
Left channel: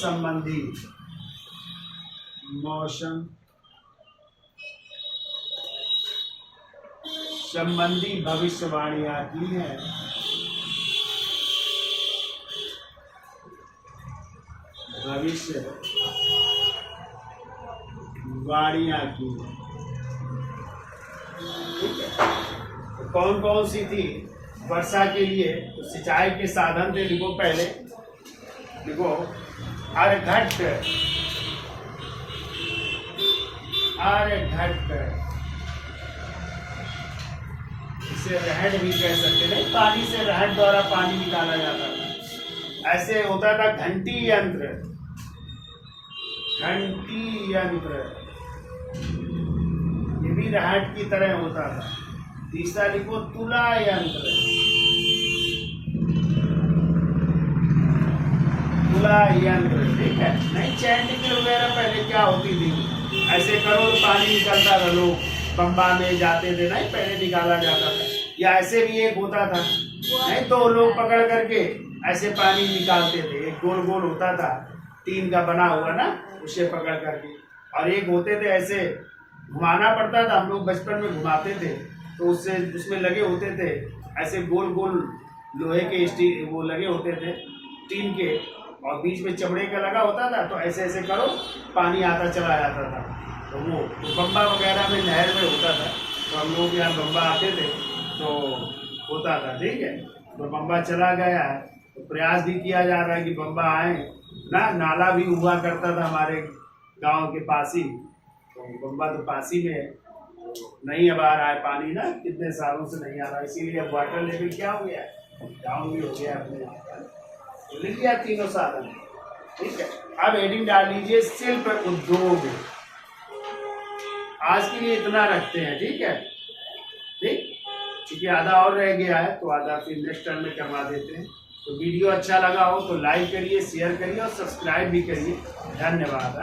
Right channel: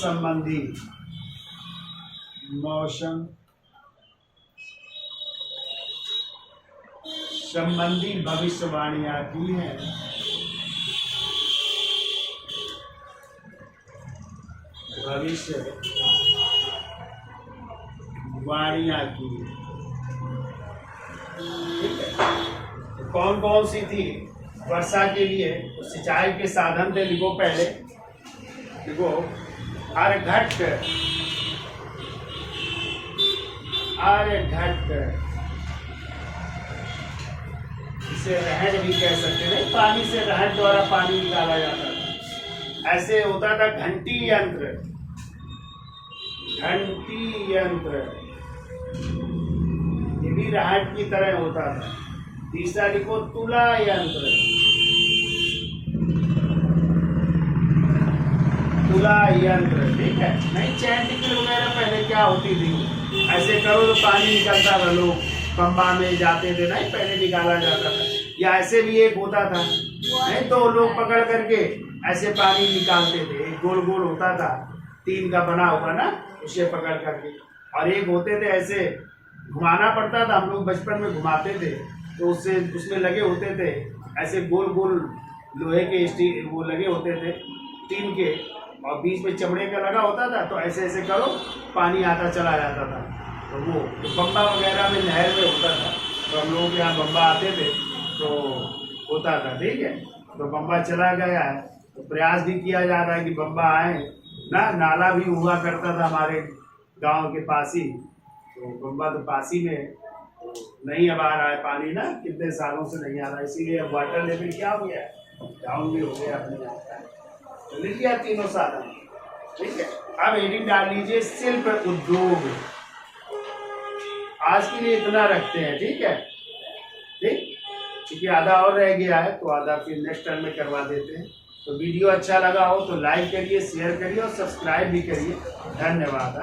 संबंधी भविष्यवाणियां की हैं। भविष्यवाणियां की, ठीक है। तो कौन कौन सी थी वर्षा के लिए? तो सिंचाई के साधन थे, लिखो पहले, लिखो अर्घट, इसे रहट भी कह सकते थे, पानी से रहट द्वारा पानी निकाला जाता था। ऐसे होता था घंटी यंत्र, ये भी रहट की तरह होता था। तीसरा लिखो तुला यंत्र, ठीक है। नहीं, चैन निकल वगैरह पहले क्या होती थी, ऐसे करो तो पानी निकलता था, लोग पंबा में जाते थे, नहीं पहले निकाला जाता था। या ऐसे भी एक होता था, नहीं तो लोग पकड़ करके ऐसे पानी निकालते थे। एक गोल गोल होता था, टीन का बना हुआ ना, उसे पकड़ करके, और एक होते थे ऐसे घुमाना पड़ता था, हम लोग बचपन में घुमाते थे, तो उससे उसमें लगे होते थे ऐसे गोल गोल लोहे के स्टील वो लगे होते थे टीन के, और बीच में चमड़े का लगा होता था, तो ऐसे ऐसे करो पानी आता चला जाता था। तो वो बम्बा वगैरह में नहर में होता था, तो हम लोग यहाँ बम्बा आते थे तो होता था, ठीक है। तो बम्बा चला गया है, तो प्रयास भी किया जा रहा है कि बम्बा आए ना। नाला भी हुआ करता था हमारे गांव के पास ही, तो बम्बा तो पास ही में, नहीं अब आ रहा है पानी ना, कितने सालों से नहीं आ रहा, इसीलिए अब वाटर लेवल क्या हो गया है, डाउन भी हो गया अपने यहाँ का। तो लिख लिया तीनों साधन, ठीक है। अब हेडिंग डाल लीजिए, शिल्प उद्योग। आज के लिए इतना रखते हैं, ठीक है, ठीक, क्योंकि आधा और रह गया है, तो आधा फिर नेक्स्ट टर्म में करवा देते हैं। तो वीडियो अच्छा लगा हो तो लाइक करिए, शेयर करिए और सब्सक्राइब भी करिए। धन्यवाद।